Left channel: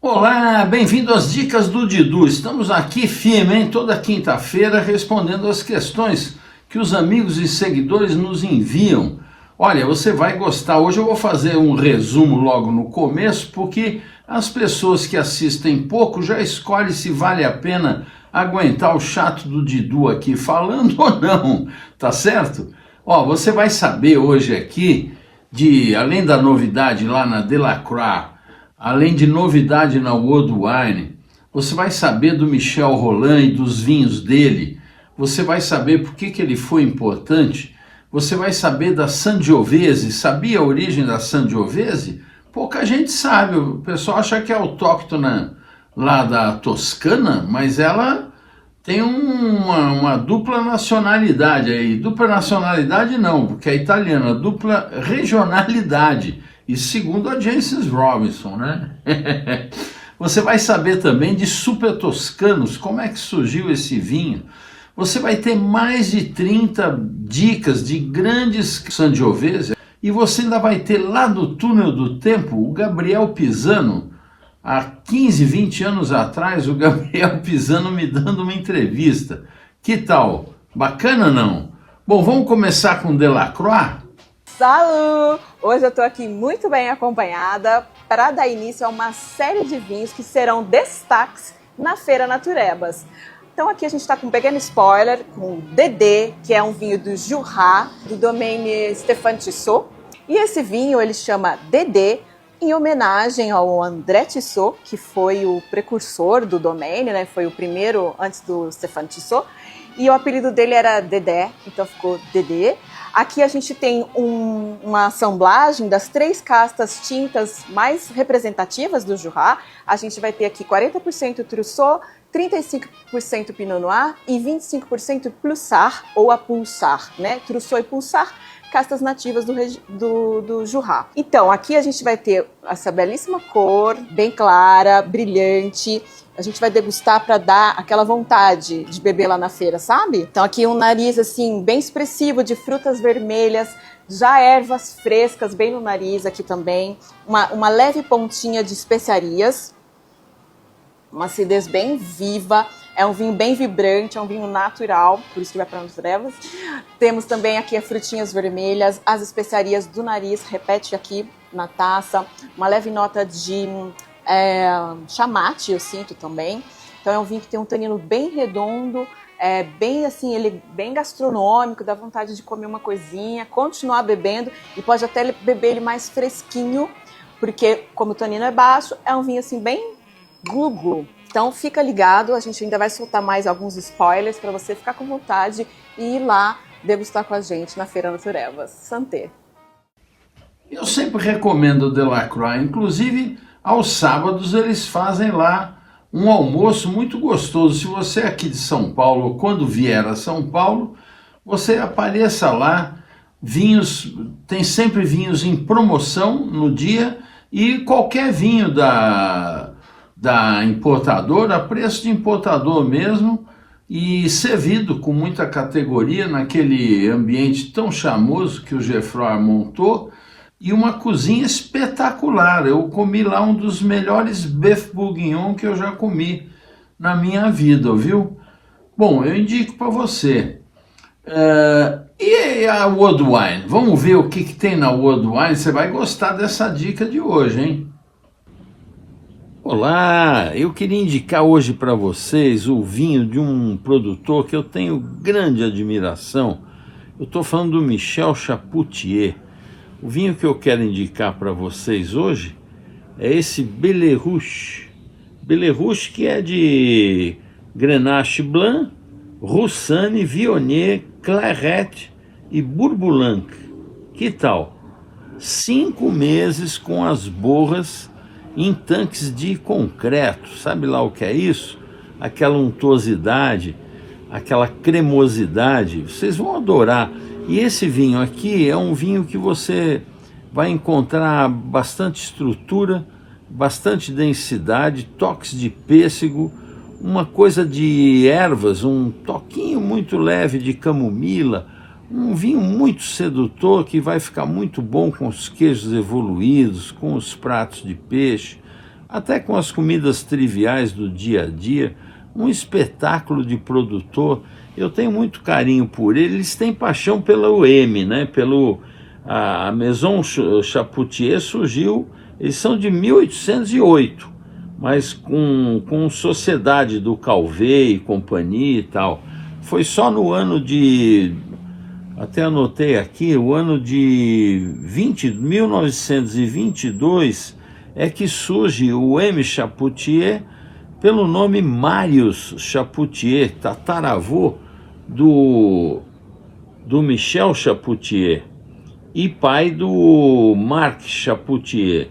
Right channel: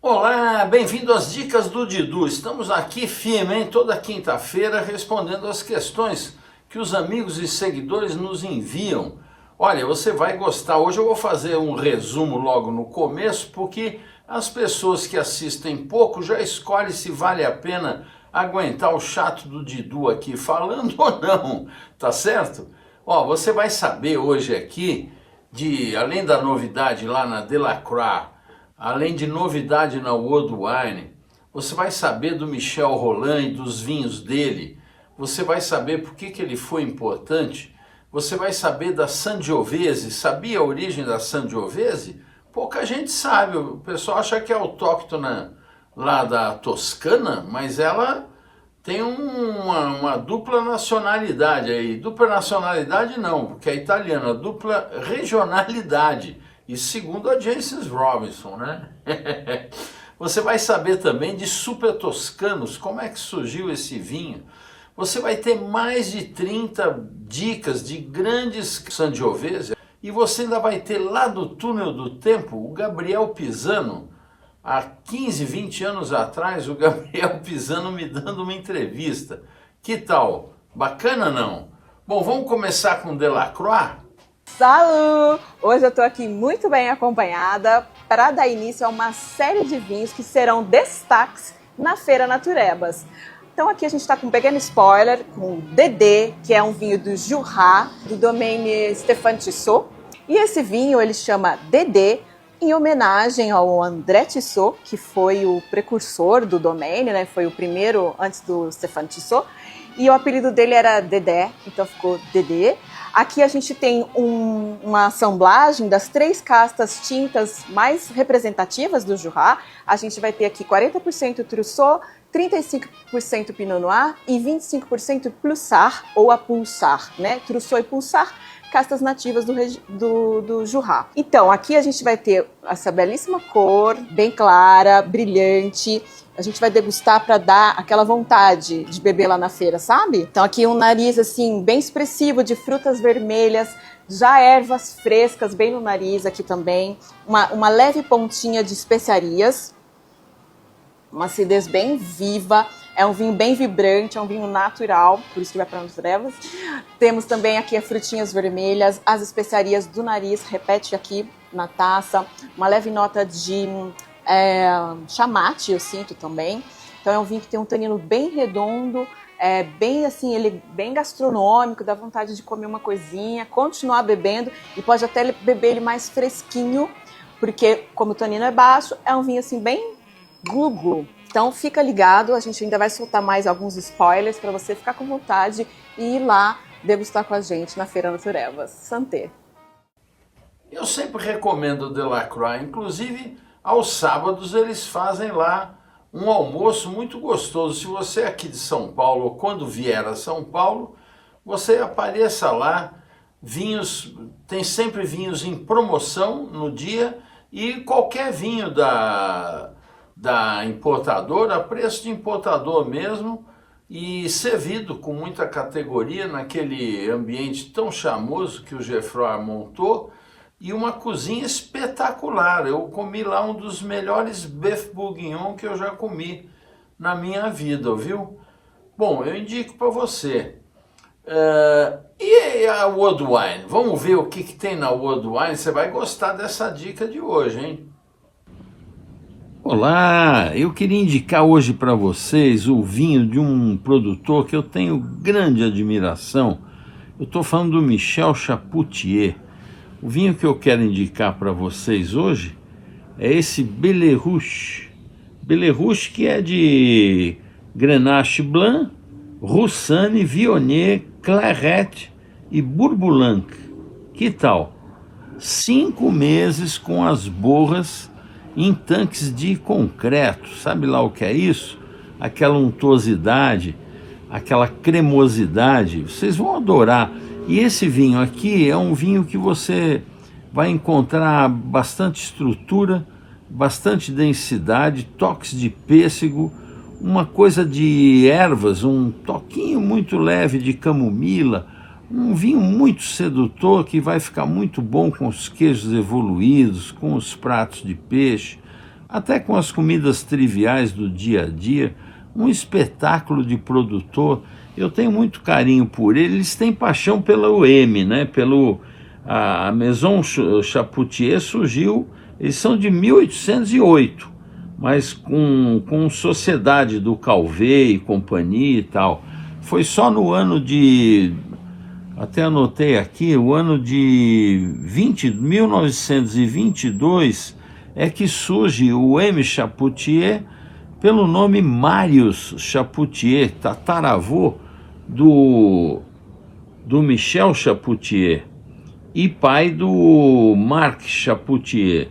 Olá, bem-vindo às Dicas do Didu. Estamos aqui firme, hein? Toda quinta-feira respondendo as questões que os amigos e seguidores nos enviam. Olha, você vai gostar. Hoje eu vou fazer um resumo logo no começo, porque as pessoas que assistem pouco já escolhem se vale a pena aguentar o chato do Didu aqui falando ou não, tá certo? Ó, você vai saber hoje aqui, além da novidade lá na Delacroix, além de novidade na World Wine, você vai saber do Michel Rolland e dos vinhos dele. Você vai saber por que ele foi importante. Você vai saber da Sangiovese. Sabia a origem da Sangiovese? Pouca gente sabe. O pessoal acha que é autóctona lá da Toscana, mas ela tem uma dupla nacionalidade aí. Dupla nacionalidade não, porque é italiana. Dupla regionalidade. E segundo a Jancis Robinson, né? Você vai saber também de Super Toscanos, como é que surgiu esse vinho. Você vai ter mais de 30 dicas de grandes Sangiovese. E você ainda vai ter lá do Túnel do Tempo o Gabriel Pisano. Há 15, 20 anos atrás, o Gabriel Pisano me dando uma entrevista. Que tal? Bacana não? Bom, vamos começar com Delacroix? Salut! Hoje eu estou aqui muito bem acompanhada para dar início a uma série de vinhos que serão destaques na Feira Naturebas. Então aqui a gente está com um pequeno spoiler, com o Dédé, que é um vinho do Jura, do domaine Stéphane Tissot. E esse vinho ele chama Dédé, em homenagem ao André Tissot, que foi o precursor do domaine, né? Foi o primeiro antes do Stéphane Tissot. E o apelido dele era Dédé, então ficou Dédé. Aqui a gente tem uma assemblagem das 3 castas tintas mais representativas do Jura. A gente vai ter aqui 40% Trousseau, 35% Pinot Noir e 25% Pulsar ou a Pulsar, né? Trousseau e Pulsar, castas nativas do Jura. Então, aqui a gente vai ter essa belíssima cor, bem clara, brilhante. A gente vai degustar para dar aquela vontade de beber lá na feira, sabe? Então aqui um nariz assim bem expressivo de frutas vermelhas, já ervas frescas bem no nariz aqui também. Uma leve pontinha de especiarias, uma acidez bem viva. É um vinho bem vibrante, é um vinho natural, por isso que vai para as trevas. Temos também aqui as frutinhas vermelhas, as especiarias do nariz, repete aqui na taça. Uma leve nota de chamate, eu sinto também. Então é um vinho que tem um tanino bem redondo, bem assim, ele bem gastronômico, dá vontade de comer uma coisinha, continuar bebendo e pode até beber ele mais fresquinho, porque como o tanino é baixo, é um vinho assim bem glu-glu. Então fica ligado, a gente ainda vai soltar mais alguns spoilers para você ficar com vontade e ir lá degustar com a gente na Feira Naturebas. Santé! Eu sempre recomendo o Delacroix, inclusive aos sábados eles fazem lá um almoço muito gostoso. Se você é aqui de São Paulo ou quando vier a São Paulo, você apareça lá. Vinhos, tem sempre vinhos em promoção no dia e qualquer vinho da importadora, a preço de importador mesmo, e servido com muita categoria naquele ambiente tão charmoso que o Geoffroy montou, e uma cozinha espetacular. Eu comi lá um dos melhores Bœuf Bourguignon que eu já comi na minha vida, viu? Bom, eu indico para você. E a World Wine? Vamos ver o que tem na World Wine? Você vai gostar dessa dica de hoje, hein? Olá, eu queria indicar hoje para vocês o vinho de um produtor que eu tenho grande admiração. Eu estou falando do Michel Chapoutier. O vinho que eu quero indicar para vocês hoje é esse Bellerouge. Bellerouge que é de Grenache Blanc, Roussanne, Viognier, Clairette e Bourboulenc. Que tal? 5 meses com as borras em tanques de concreto. Sabe lá o que é isso? Aquela untuosidade, aquela cremosidade. Vocês vão adorar. E esse vinho aqui é um vinho que você vai encontrar bastante estrutura, bastante densidade, toques de pêssego, uma coisa de ervas, um toquinho muito leve de camomila, Um vinho muito sedutor que vai ficar muito bom com os queijos evoluídos, com os pratos de peixe, até com as comidas triviais do dia a dia. Um espetáculo de produtor. Eu tenho muito carinho por ele. Eles têm paixão pelo M, né? A Maison Chapoutier surgiu, eles são de 1808, mas com sociedade do Calvé e companhia e tal. Foi só no ano de, até anotei aqui, o ano de 1922 é que surge o M. Chapoutier pelo nome Marius Chapoutier, tataravô do Michel Chapoutier e pai do Marc Chapoutier.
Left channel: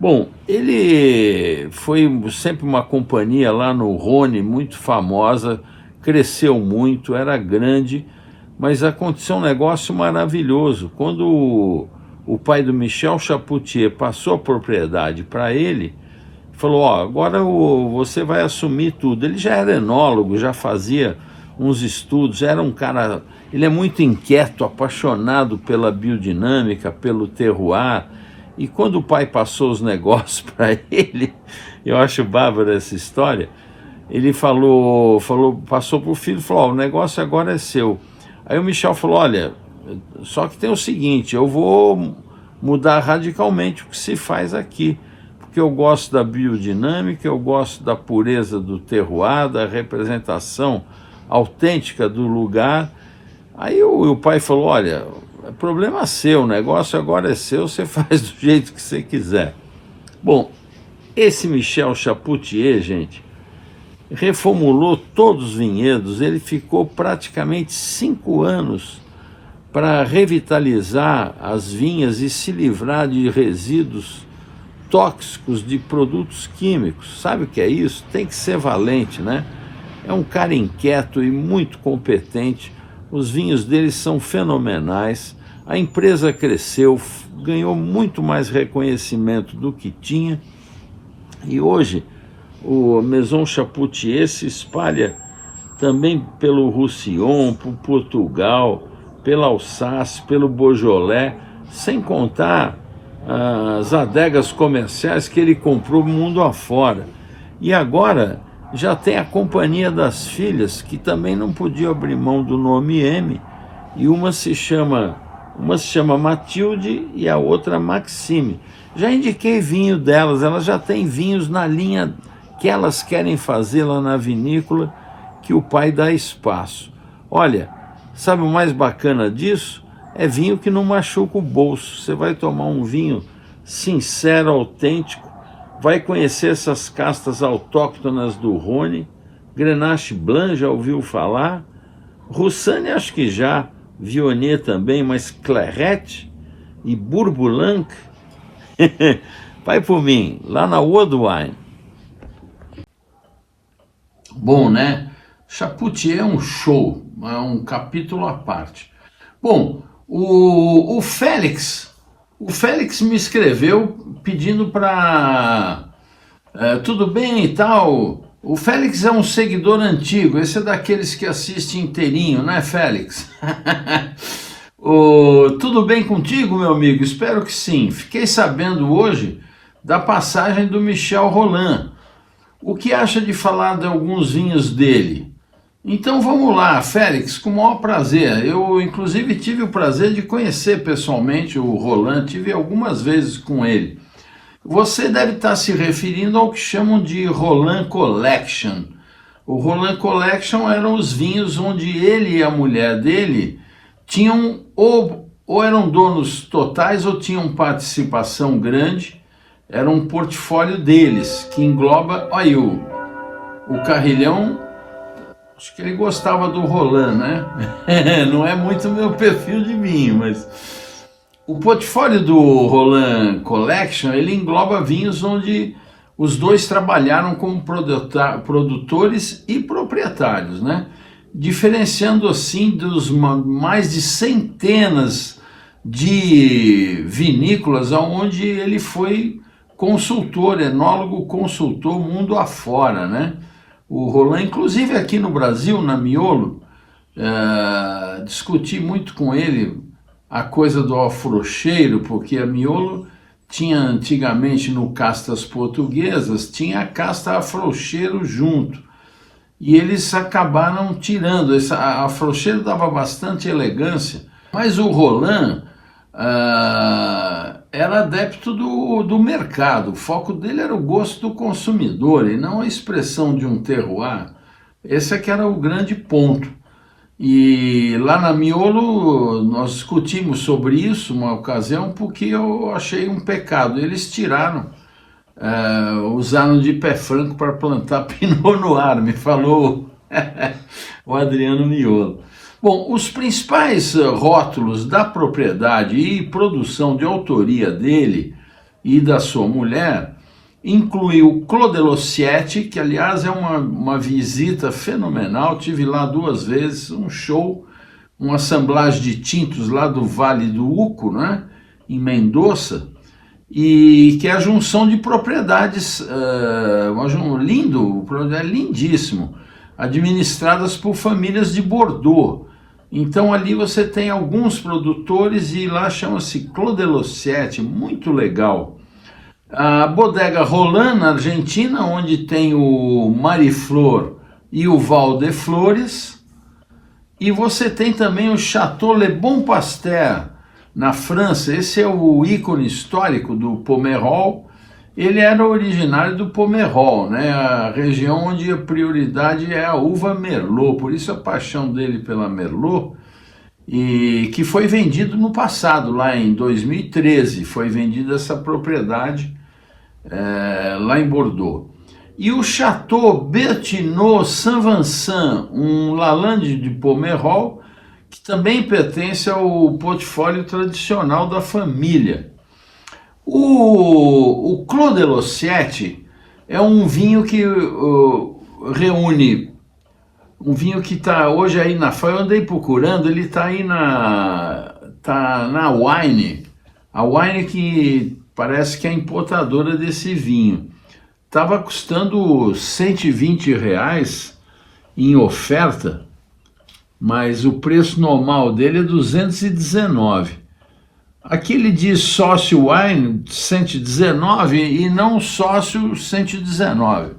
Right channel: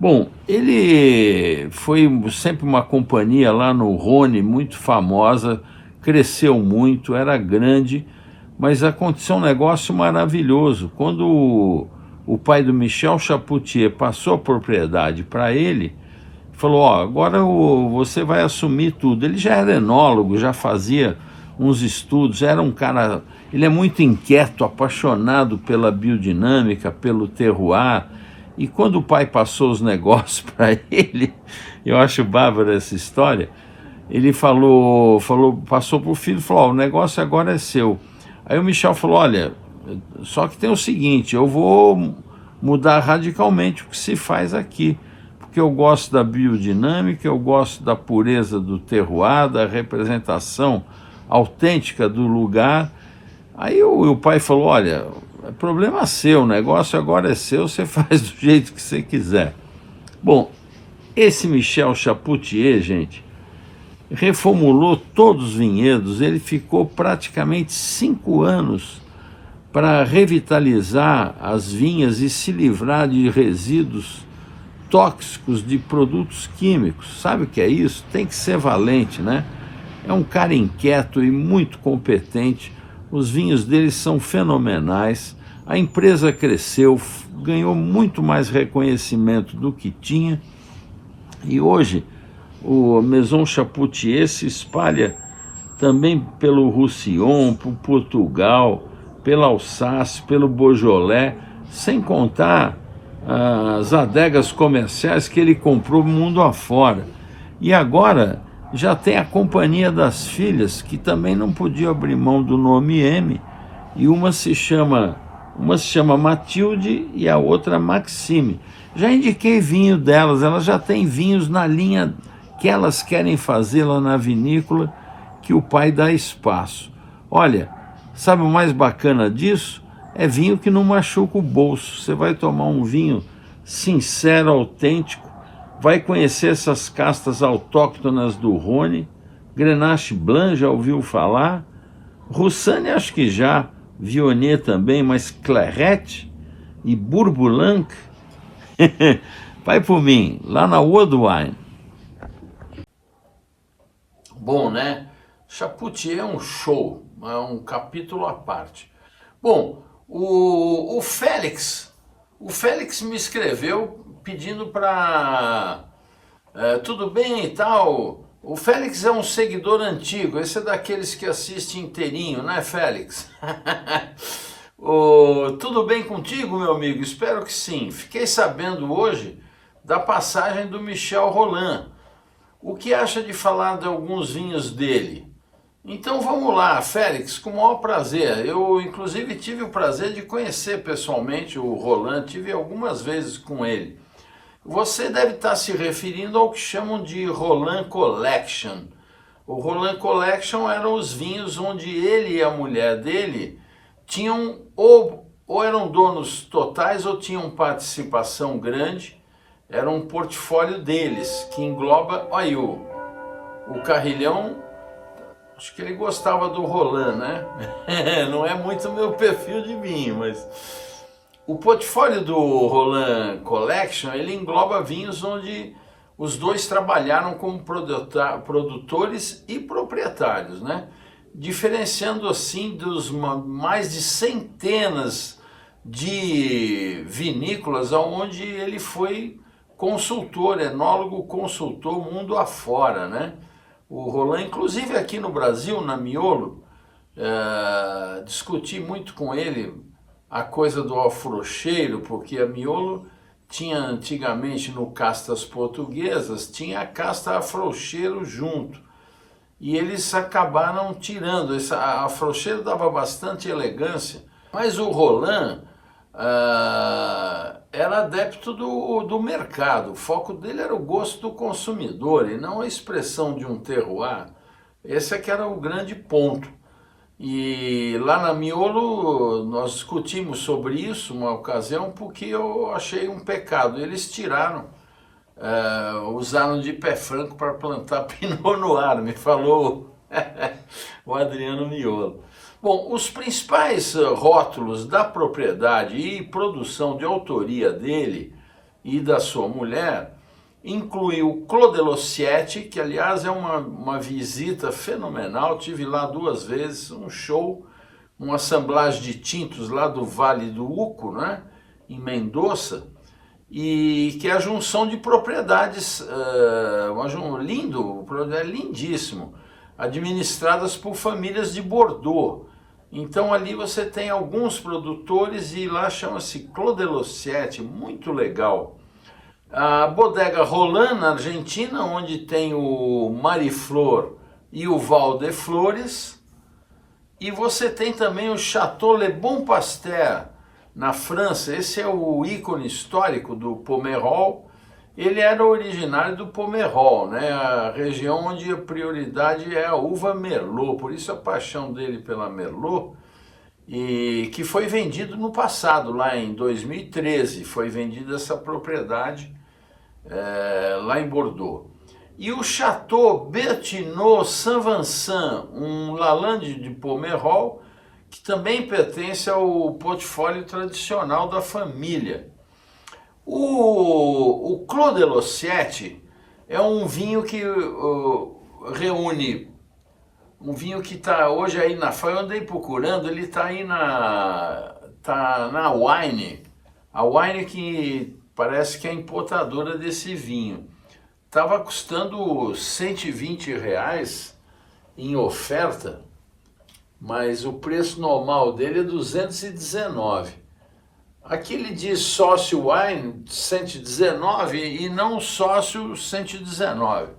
Bom, ele foi sempre uma companhia lá no Rhône muito famosa, cresceu muito, era grande, mas aconteceu um negócio maravilhoso. Quando o pai do Michel Chapoutier passou a propriedade para ele, falou, ó, agora você vai assumir tudo. Ele já era enólogo, já fazia uns estudos, era um cara, ele é muito inquieto, apaixonado pela biodinâmica, pelo terroir, e quando o pai passou os negócios para ele, eu acho bárbara essa história, ele passou para o filho e falou, ó, o negócio agora é seu. Aí o Michel falou, olha, só que tem o seguinte, eu vou mudar radicalmente o que se faz aqui, porque eu gosto da biodinâmica, eu gosto da pureza do terroir, da representação autêntica do lugar. Aí o pai falou, olha, é problema seu, o negócio agora é seu, você faz do jeito que você quiser. Bom, esse Michel Chapoutier, gente, reformulou todos os vinhedos, ele ficou praticamente 5 anos para revitalizar as vinhas e se livrar de resíduos tóxicos de produtos químicos. Sabe o que é isso? Tem que ser valente, né? É um cara inquieto e muito competente. Os vinhos dele são fenomenais. A empresa cresceu, ganhou muito mais reconhecimento do que tinha. E hoje o Maison Chapoutier se espalha também pelo Roussillon, por Portugal, pela Alsácia, pelo Beaujolais, sem contar as adegas comerciais que ele comprou mundo afora. E agora já tem a Companhia das Filhas, que também não podia abrir mão do nome M, e uma se chama Matilde e a outra Maxime. Já indiquei vinho delas, elas já têm vinhos na linha que elas querem fazer lá na vinícola, que o pai dá espaço. Olha, sabe o mais bacana disso? É vinho que não machuca o bolso. Você vai tomar um vinho sincero, autêntico, vai conhecer essas castas autóctonas do Rhône. Grenache Blanc, já ouviu falar? Roussanne, acho que já. Viognier também, mas Clairette e Bourboulenc. Vai por mim, lá na World Wine. Bom, né? Chapoutier é um show, é um capítulo à parte. Bom, o Félix me escreveu pedindo para... tudo bem e tal. O Félix é um seguidor antigo, esse é daqueles que assiste inteirinho, não é, Félix? Tudo bem contigo, meu amigo? Espero que sim. Fiquei sabendo hoje da passagem do Michel Rolland. O que acha de falar de alguns vinhos dele? Então vamos lá, Félix, com o maior prazer. Eu, inclusive, tive o prazer de conhecer pessoalmente o Rolland, tive algumas vezes com ele. Você deve estar se referindo ao que chamam de Rolland Collection. O Rolland Collection eram os vinhos onde ele e a mulher dele tinham ou eram donos totais ou tinham participação grande. Era um portfólio deles, que engloba, olha aí, o Carrilhão, acho que ele gostava do Rolland, né? Não é muito meu perfil de vinho, mas o portfólio do Rolland Collection, ele engloba vinhos onde os dois trabalharam como produtores e proprietários, né? Diferenciando assim dos mais de centenas de vinícolas onde ele foi consultor, enólogo consultor mundo afora, né? O Rolland, inclusive aqui no Brasil, na Miolo, discuti muito com ele a coisa do alfrocheiro, porque a Miolo tinha antigamente no Castas Portuguesas, tinha a casta afrouxeiro junto. E eles acabaram tirando. A afrouxeiro dava bastante elegância, mas o Roland era adepto do mercado. O foco dele era o gosto do consumidor e não a expressão de um terroir. Esse é que era o grande ponto. E lá na Miolo nós discutimos sobre isso uma ocasião porque eu achei um pecado. Eles tiraram, usaram de pé franco para plantar Pinot Noir, me falou o Adriano Miolo. Bom, os principais rótulos da propriedade e produção de autoria dele e da sua mulher inclui o Clos de Lossiette, que aliás é uma visita fenomenal, tive lá 2 vezes, um show, uma assemblagem de tintos lá do Vale do Uco, né, em Mendoza, e que é a junção de propriedades, lindíssimo, administradas por famílias de Bordeaux. Então ali você tem alguns produtores e lá chama-se Clos de Lossiette, muito legal. A Bodega Roland, na Argentina, onde tem o Mariflor e o Val de Flores. E você tem também o Château Le Bon Pasteur, na França. Esse é o ícone histórico do Pomerol. Ele era originário do Pomerol, né? A região onde a prioridade é a uva Merlot, por isso a paixão dele pela Merlot, e que foi vendido no passado, lá em 2013, foi vendida essa propriedade lá em Bordeaux. E o Château Berthinot Saint-Vincent, um Lalande de Pomerol, que também pertence ao portfólio tradicional da família. O Clos de Lossiette é um vinho que reúne um vinho que está hoje aí eu andei procurando, ele está aí na Wine, a Wine que parece que é a importadora desse vinho. Estava custando R$120 em oferta, mas o preço normal dele é 219. Aqui ele diz sócio Wine 119 e não sócio 119.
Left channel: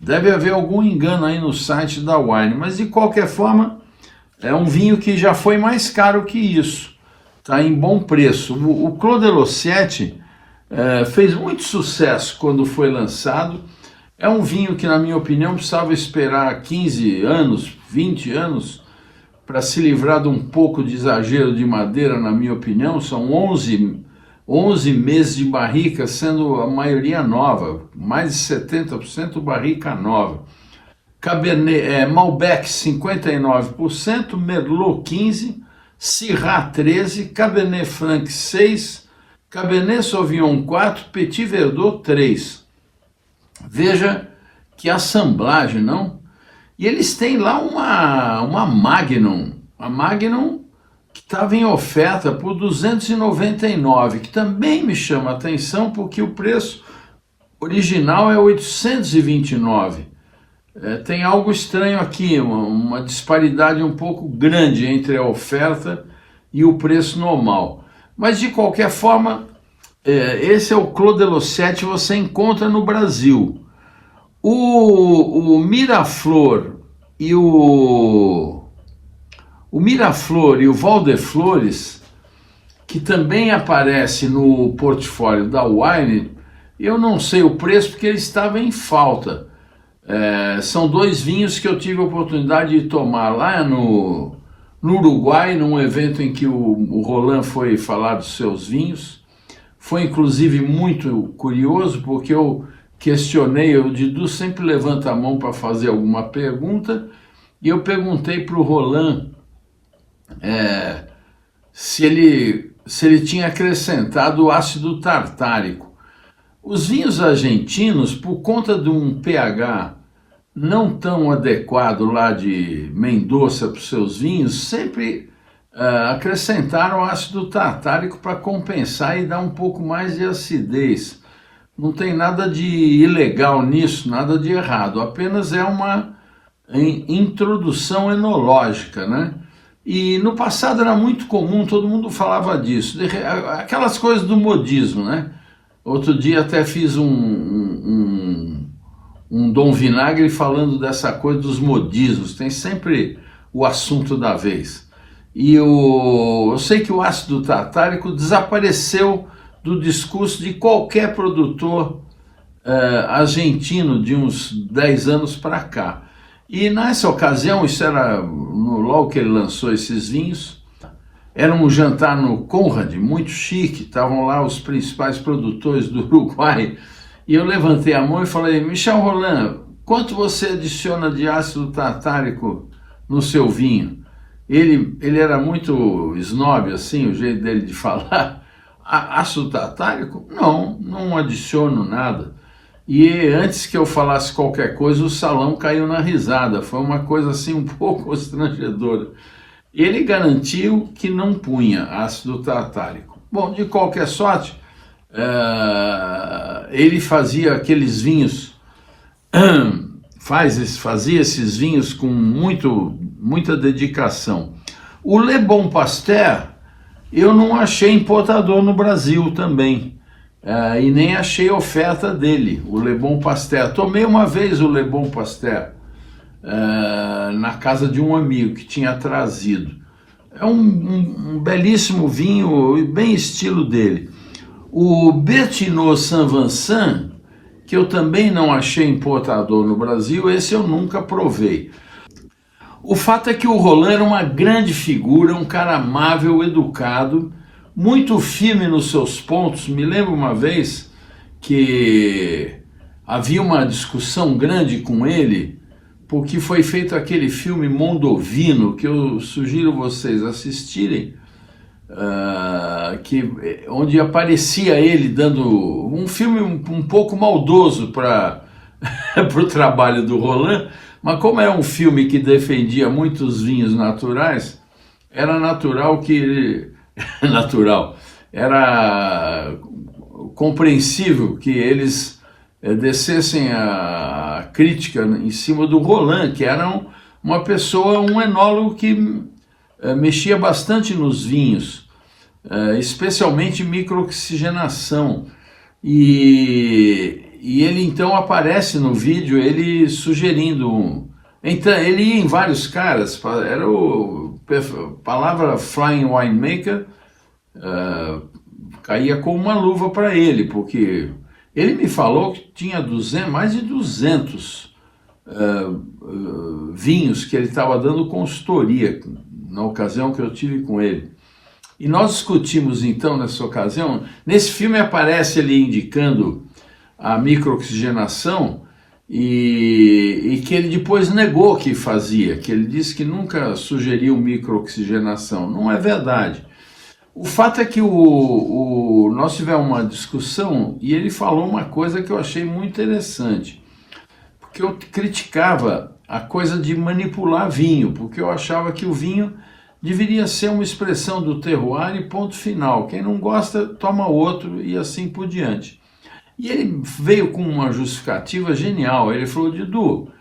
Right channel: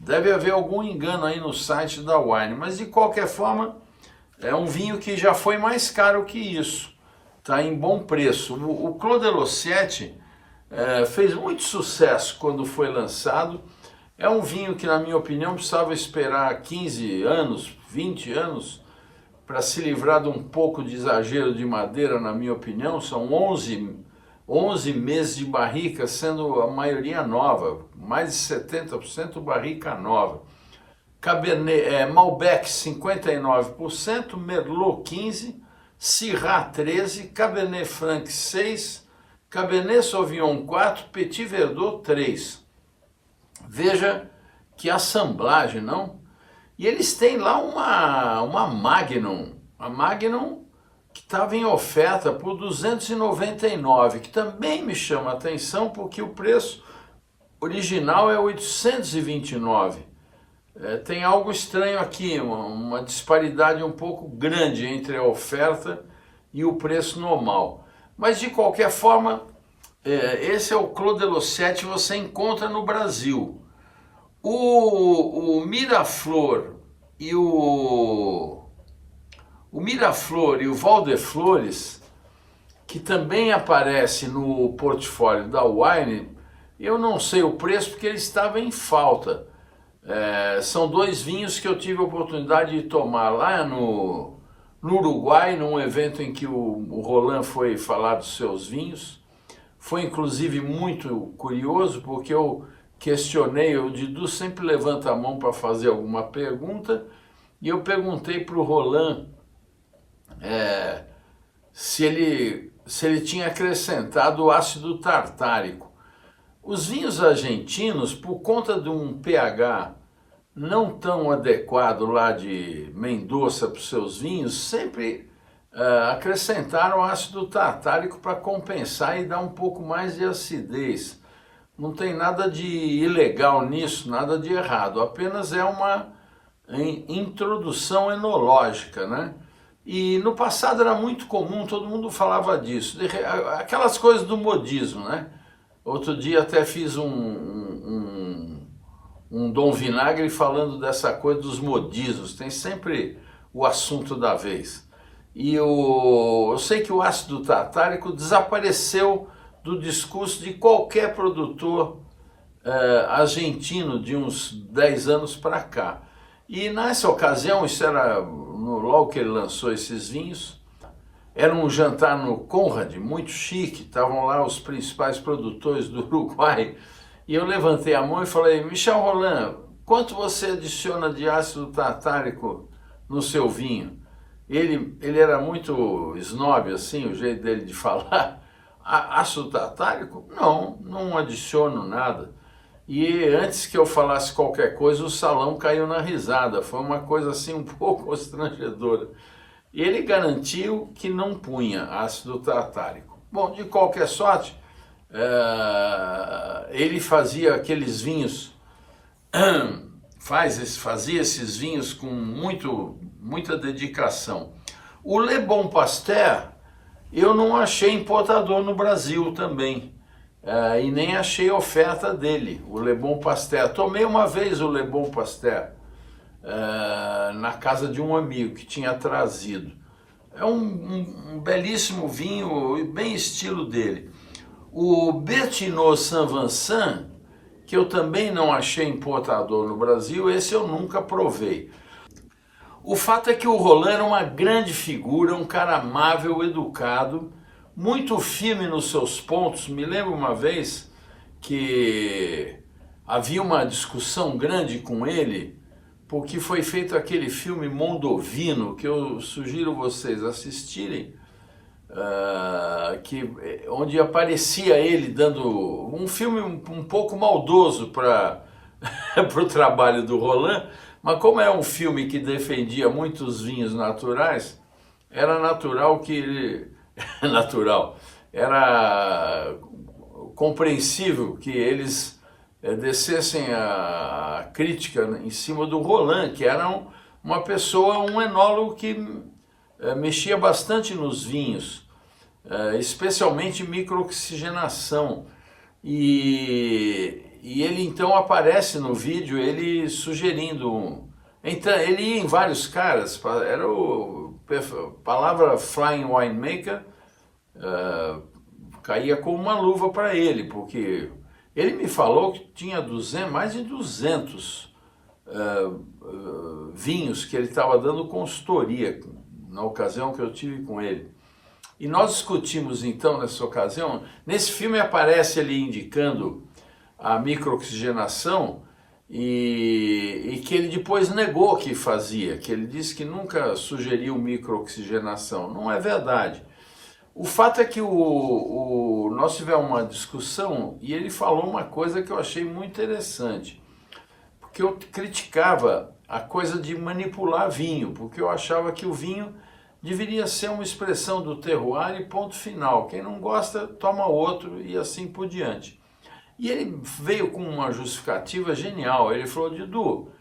Deve haver algum engano aí no site da Wine, mas de qualquer forma é um vinho que já foi mais caro que isso. Está em bom preço. O Clos de Lossiette fez muito sucesso quando foi lançado. É um vinho que, na minha opinião, precisava esperar 15 anos, 20 anos para se livrar de um pouco de exagero de madeira, na minha opinião. São 11 meses de barrica, sendo a maioria nova, mais de 70% barrica nova. Cabernet, Malbec 59%, Merlot 15%, Syrah 13%, Cabernet Franc 6%, Cabernet Sauvignon 4%, Petit Verdot 3%. Veja que assemblagem, não? E eles têm lá uma Magnum, a Magnum que estava em oferta por R$299, que também me chama a atenção porque o preço original é R$829. Tem algo estranho aqui, uma disparidade um pouco grande entre a oferta e o preço normal. Mas de qualquer forma, esse é o Clos de Lossiette, você encontra no Brasil. O Miraflor e o Miraflor e o Val de Flores, que também aparece no portfólio da Wine, eu não sei o preço porque ele estava em falta. São 2 vinhos que eu tive a oportunidade de tomar lá no Uruguai, num evento em que o Roland foi falar dos seus vinhos. Foi inclusive muito curioso porque eu questionei, o Didu sempre levanta a mão para fazer alguma pergunta, e eu perguntei para o Roland se ele tinha acrescentado o ácido tartárico. Os vinhos argentinos, por conta de um pH não tão adequado lá de Mendoza para os seus vinhos, sempre acrescentaram ácido tartárico para compensar e dar um pouco mais de acidez. Não tem nada de ilegal nisso, nada de errado, apenas é em introdução enológica, né? E no passado era muito comum, todo mundo falava disso, aquelas coisas do modismo, né? Outro dia até fiz um Dom Vinagre falando dessa coisa dos modismos, tem sempre o assunto da vez. E eu sei que o ácido tartárico desapareceu do discurso de qualquer produtor argentino de uns 10 anos para cá. E nessa ocasião, isso era logo que ele lançou esses vinhos, era um jantar no Conrad, muito chique, estavam lá os principais produtores do Uruguai, e eu levantei a mão e falei: Michel Rolland, quanto você adiciona de ácido tartárico no seu vinho? Ele era muito snob, assim, o jeito dele de falar. Ácido tartárico? Não adiciono nada. E antes que eu falasse qualquer coisa, o salão caiu na risada. Foi uma coisa assim um pouco constrangedora. Ele garantiu que não punha ácido tartárico. Bom, de qualquer sorte, ele fazia aqueles vinhos, fazia esses vinhos com muita dedicação. O Le Bon Pasteur, eu não achei importador no Brasil também. E nem achei oferta dele, o Le Bon Pasteur. Tomei uma vez o Le Bon Pasteur na casa de um amigo que tinha trazido. É um belíssimo vinho, bem estilo dele. O Bertinot Saint-Vincent, que eu também não achei importador no Brasil, esse eu nunca provei. O fato é que o Rolland era uma grande figura, um cara amável, educado, muito firme nos seus pontos. Me lembro uma vez que havia uma discussão grande com ele, porque foi feito aquele filme Mondovino, que eu sugiro vocês assistirem, onde aparecia ele dando um filme um pouco maldoso para o trabalho do Rolland, mas como é um filme que defendia muitos vinhos naturais, era natural que ele... era compreensível que eles descessem a crítica em cima do Rolland, que era uma pessoa, um enólogo que mexia bastante nos vinhos, especialmente microoxigenação. E ele então aparece no vídeo, ele sugerindo... Então, ele ia em vários caras, era a palavra Flying Winemaker, caía como uma luva para ele, porque ele me falou que tinha mais de 200 vinhos que ele estava dando consultoria na ocasião que eu tive com ele. E nós discutimos então nessa ocasião, nesse filme aparece ele indicando a microoxigenação, e que ele depois negou que fazia, que ele disse que nunca sugeriu microoxigenação. Não é verdade. O fato é que nós tivemos uma discussão e ele falou uma coisa que eu achei muito interessante, porque eu criticava a coisa de manipular vinho, porque eu achava que o vinho deveria ser uma expressão do terroir e ponto final. Quem não gosta, toma outro e assim por diante. E ele veio com uma justificativa genial. Ele falou: Didu,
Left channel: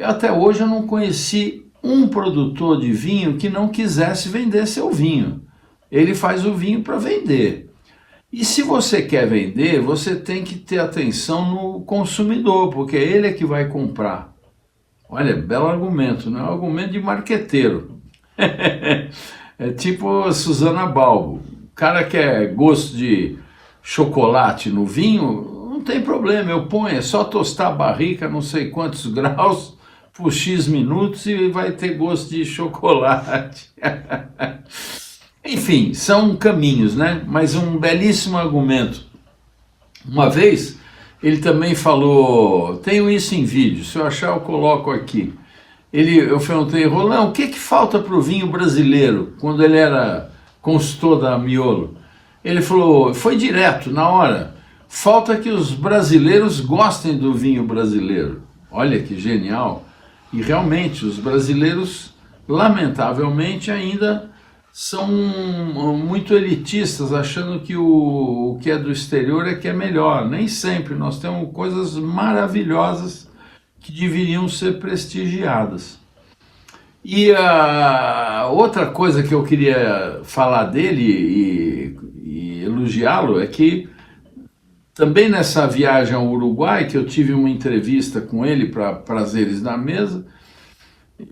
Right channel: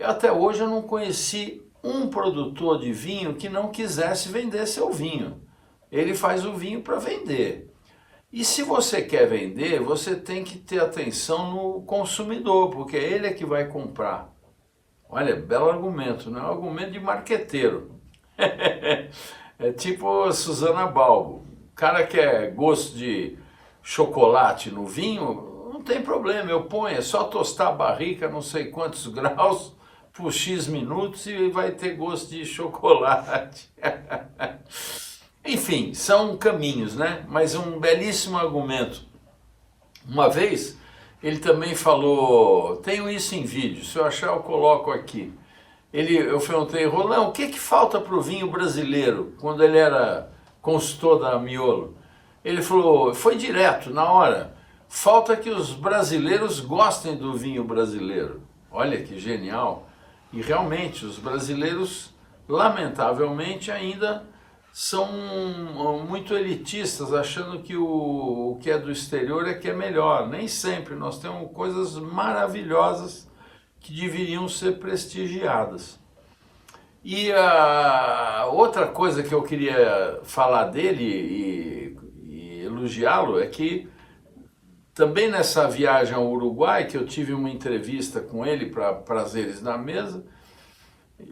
até hoje eu não conheci um produtor de vinho que não quisesse vender seu vinho. Ele faz o vinho para vender. E se você quer vender, você tem que ter atenção no consumidor, porque ele é que vai comprar. Olha, belo argumento, não é um argumento de marqueteiro. É tipo a Susana Balbo. O cara quer gosto de chocolate no vinho, não tem problema, eu ponho, é só tostar a barrica, não sei quantos graus, por X minutos e vai ter gosto de chocolate. Enfim, são caminhos, né? Mas um belíssimo argumento. Uma vez, ele também falou, tenho isso em vídeo, se eu achar eu coloco aqui. Eu perguntei: Rolland, o que falta para o vinho brasileiro, quando ele era consultor da Miolo? Ele falou, foi direto, na hora, falta que os brasileiros gostem do vinho brasileiro. Olha que genial. E realmente, os brasileiros, lamentavelmente, ainda são muito elitistas, achando que o que é do exterior é que é melhor. Nem sempre, nós temos coisas maravilhosas que deveriam ser prestigiadas. E a outra coisa que eu queria falar dele e elogiá-lo é que também nessa viagem ao Uruguai, que eu tive uma entrevista com ele para Prazeres da Mesa,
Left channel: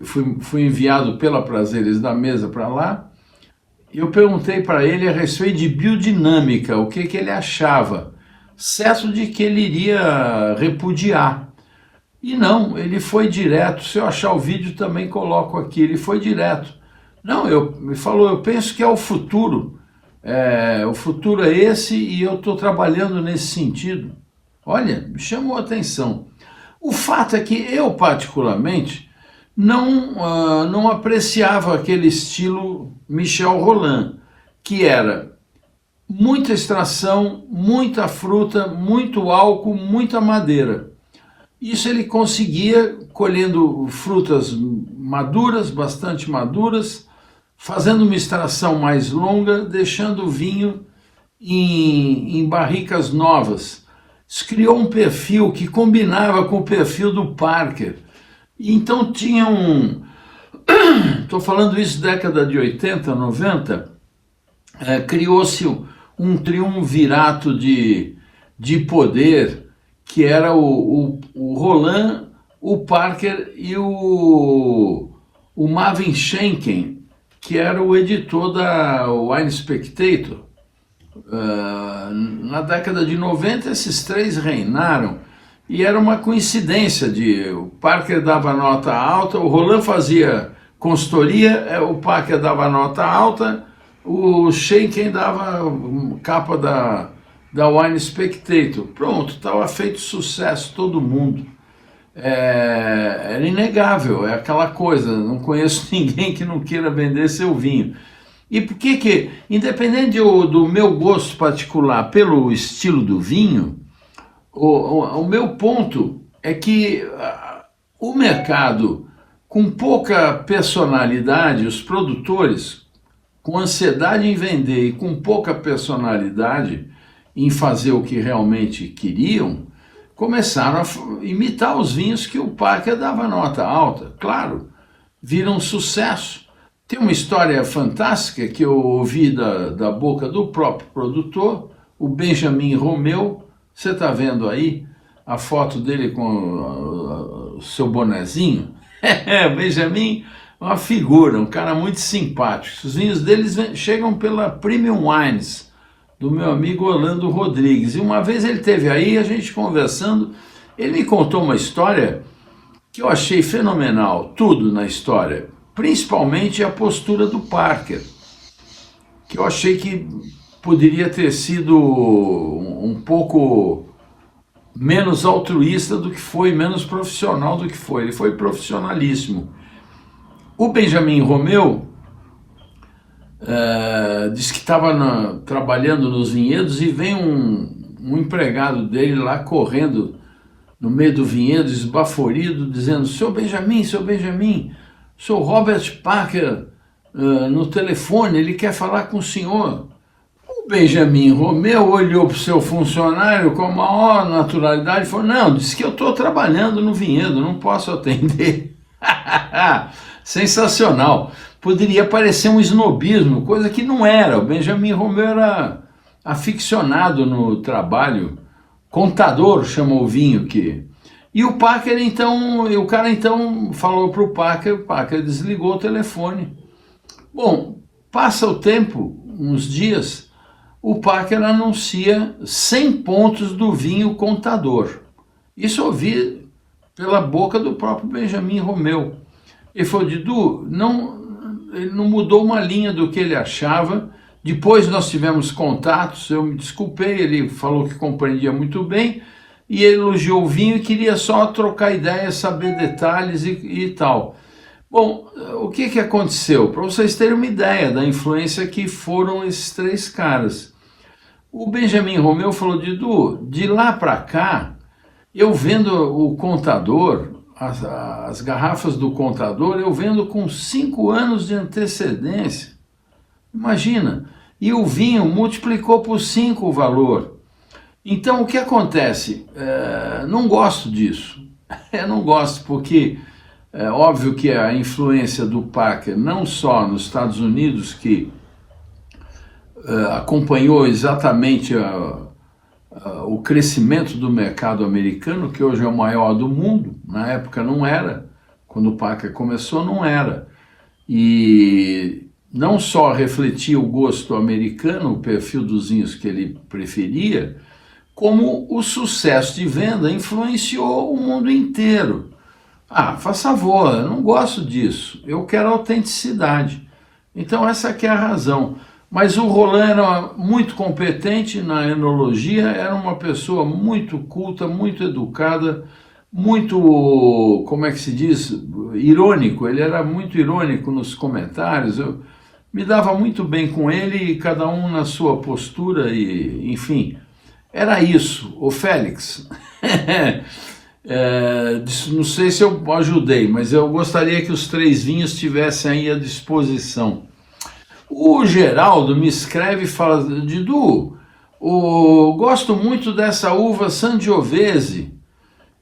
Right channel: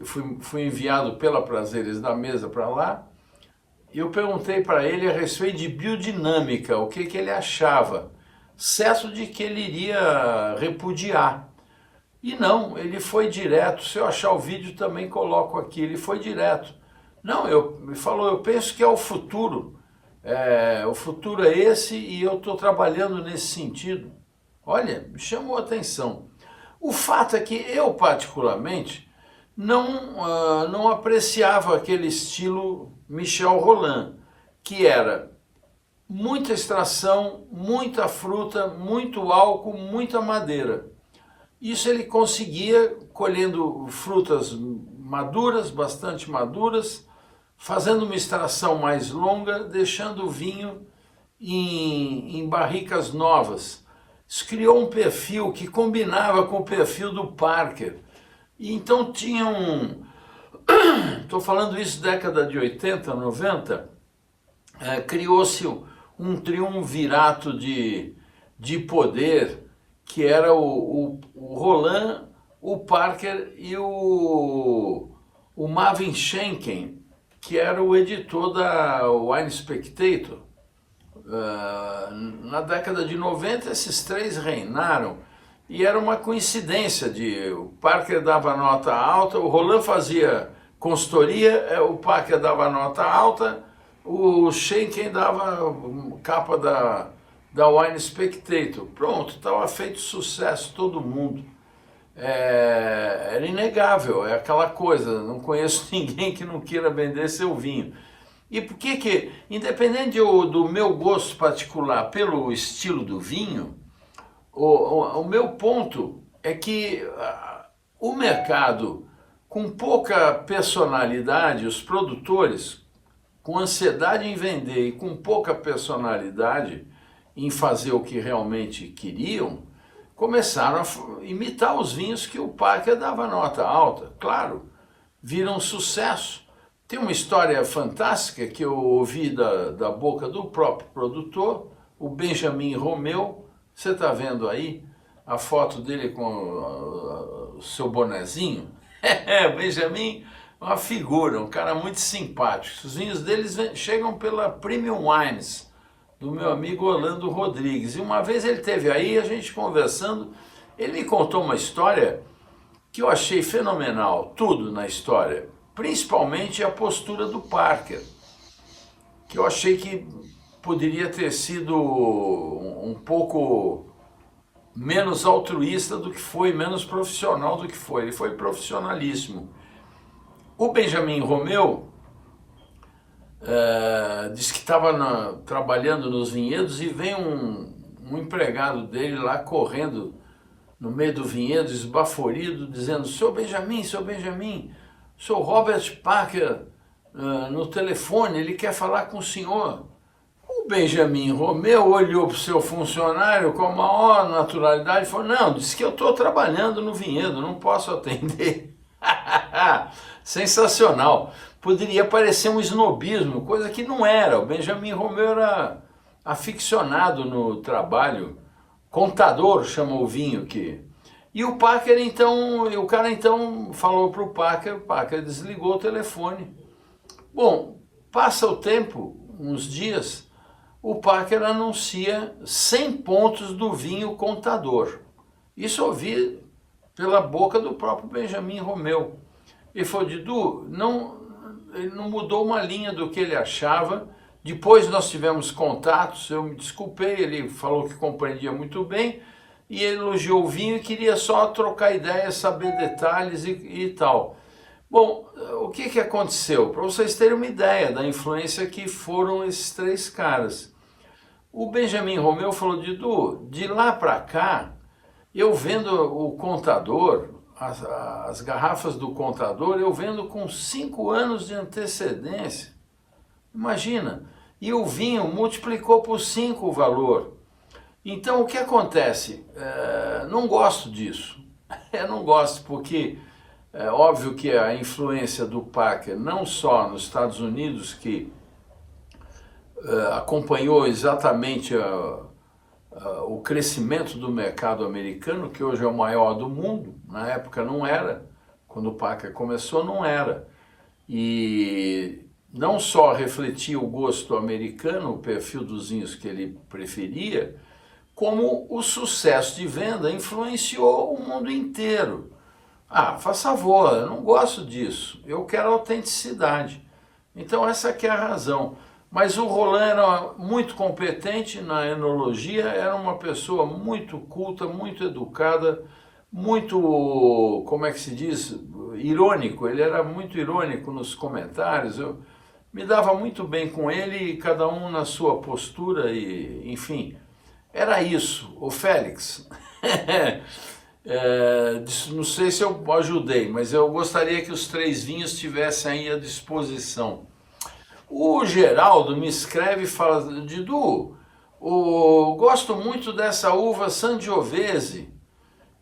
fui enviado pela Prazeres da Mesa para lá, e eu perguntei para ele a respeito de biodinâmica, o que ele achava, certo de que ele iria repudiar. E não, ele foi direto. Se eu achar o vídeo também coloco aqui, ele foi direto. Não, me falou, eu penso que é o futuro. O futuro é esse e eu estou trabalhando nesse sentido. Olha, me chamou a atenção. O fato é que eu, particularmente, não apreciava aquele estilo Michel Rolland, que era muita extração, muita fruta, muito álcool, muita madeira. Isso ele conseguia colhendo frutas maduras, bastante maduras, fazendo uma extração mais longa, deixando o vinho em barricas novas. Isso criou um perfil que combinava com o perfil do Parker. E então tinha estou falando isso década de 80, 90, criou-se um triunvirato de poder, que era o Rolland, o Parker e o Marvin Schenken, que era o editor da Wine Spectator. Na década de 90, esses três reinaram, e era uma coincidência o Parker dava nota alta, o Rolland fazia consultoria, o Parker dava nota alta, o Schenken dava capa da Wine Spectator. Pronto, estava feito sucesso, todo mundo. Era inegável, é aquela coisa, não conheço ninguém que não queira vender seu vinho. E por que, independente do meu gosto particular pelo estilo do vinho, o meu ponto é que o mercado, com pouca personalidade, os produtores, com ansiedade em vender e com pouca personalidade em fazer o que realmente queriam, começaram a imitar os vinhos que o Parker dava nota alta. Claro, viram sucesso. Tem uma história fantástica que eu ouvi da boca do próprio produtor, o Benjamin Romeu. Você está vendo aí a foto dele com o seu bonezinho? O Benjamin é uma figura, um cara muito simpático. Os vinhos deles chegam pela Premium Wines, do meu amigo Orlando Rodrigues. E uma vez ele esteve aí, a gente conversando, ele me contou uma história que eu achei fenomenal, tudo na história, principalmente a postura do Parker, que eu achei que poderia ter sido um pouco menos altruísta do que foi, menos profissional do que foi. Ele foi profissionalíssimo. O Benjamin Romeu disse que estava trabalhando nos vinhedos e vem um empregado dele lá correndo no meio do vinhedo, esbaforido, dizendo: Seu Benjamin, sou Robert Parker no telefone, ele quer falar com o senhor. O Benjamin Romeu olhou para o seu funcionário com a maior naturalidade e falou: não, disse que eu estou trabalhando no vinhedo, não posso atender. Sensacional. Poderia parecer um snobismo, coisa que não era. O Benjamin Romeu era aficionado no trabalho, contador, chamou o vinho que... E o Parker, então, o cara então falou para o Parker desligou o telefone. Bom, passa o tempo, uns dias, o Parker anuncia 100 pontos do vinho contador. Isso eu ouvi pela boca do próprio Benjamin Romeu. Ele falou: Didu, ele não mudou uma linha do que ele achava. Depois nós tivemos contatos, eu me desculpei, ele falou que compreendia muito bem, e ele elogiou o vinho e queria só trocar ideias, saber detalhes e tal. Bom, o que aconteceu? Para vocês terem uma ideia da influência que foram esses três caras. O Benjamin Romeu falou: Didu, de lá para cá, eu vendo o contador, as garrafas do contador, eu vendo com 5 anos de antecedência. Imagina, e o vinho multiplicou por 5 o valor. Então, o que acontece? Não gosto disso. Eu não gosto porque é óbvio que a influência do Packer, não só nos Estados Unidos, que acompanhou exatamente o crescimento do mercado americano, que hoje é o maior do mundo, na época não era, quando o Packer começou não era, e não só refletia o gosto americano, o perfil dos vinhos que ele preferia, como o sucesso de venda influenciou o mundo inteiro. Ah, faz favor, eu não gosto disso, eu quero autenticidade. Então essa aqui é a razão. Mas o Roland era muito competente na enologia, era uma pessoa muito culta, muito educada, muito, como é que se diz, irônico. Ele era muito irônico nos comentários, eu me dava muito bem com ele, e cada um na sua postura, e enfim, era isso. Ô Félix, não sei se eu ajudei, mas eu gostaria que os 3 vinhos estivessem aí à disposição. O Geraldo me escreve e fala: Didu, gosto muito dessa uva Sangiovese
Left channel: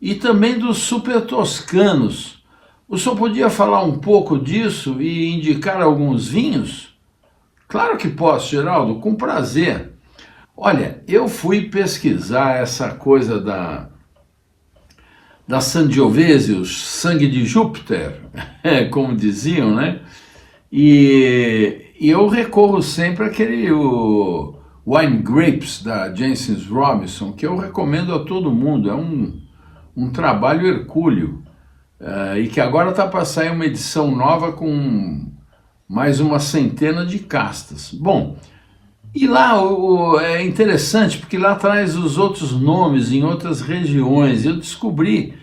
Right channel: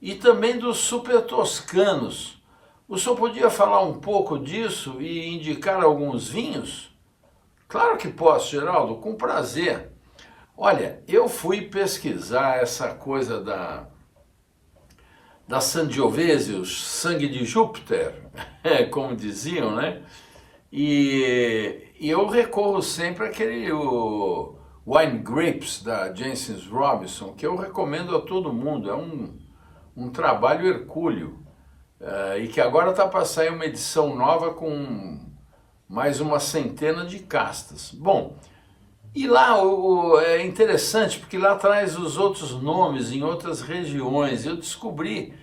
e também dos Super Toscanos. O senhor podia falar um pouco disso e indicar alguns vinhos? Claro que posso, Geraldo, com prazer. Olha, eu fui pesquisar essa coisa da Sangiovese, o sangue de Júpiter, como diziam, né? E eu recorro sempre àquele Wine Grapes da Jancis Robinson, que eu recomendo a todo mundo. É um trabalho hercúleo, e que agora está para sair uma edição nova com mais uma centena de castas. Bom, e lá é interessante, porque lá traz os outros nomes em outras regiões. Eu descobri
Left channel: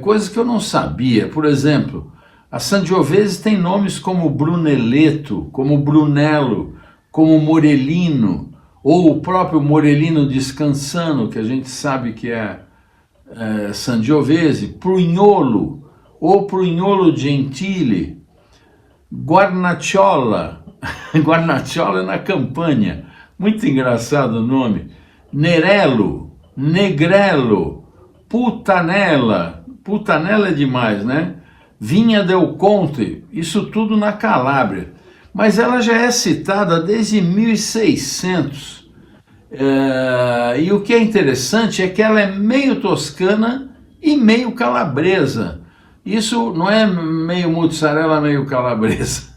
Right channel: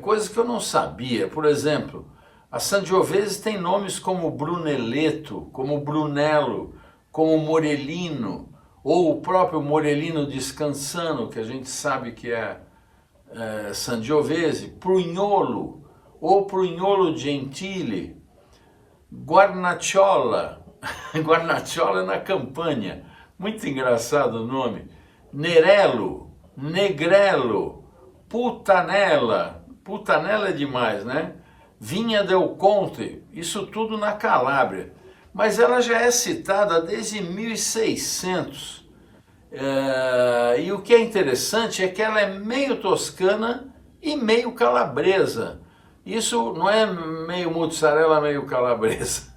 coisas que eu não sabia. Por exemplo, a Sangiovese tem nomes como Brunelletto, como Brunello, como Morellino, ou o próprio Morellino Descansano, que a gente sabe que é Sangiovese, Prugnolo, ou Prugnolo Gentile, Guarnacciola, Guarnacciola na Campania, muito engraçado o nome, Nerello, Negrello, Putanella, Putanella é demais, né? Vinha del Conte, isso tudo na Calábria, mas ela já é citada desde 1600, e o que é interessante é que ela é meio toscana e meio calabresa. Isso não é meio mozzarella, meio calabresa.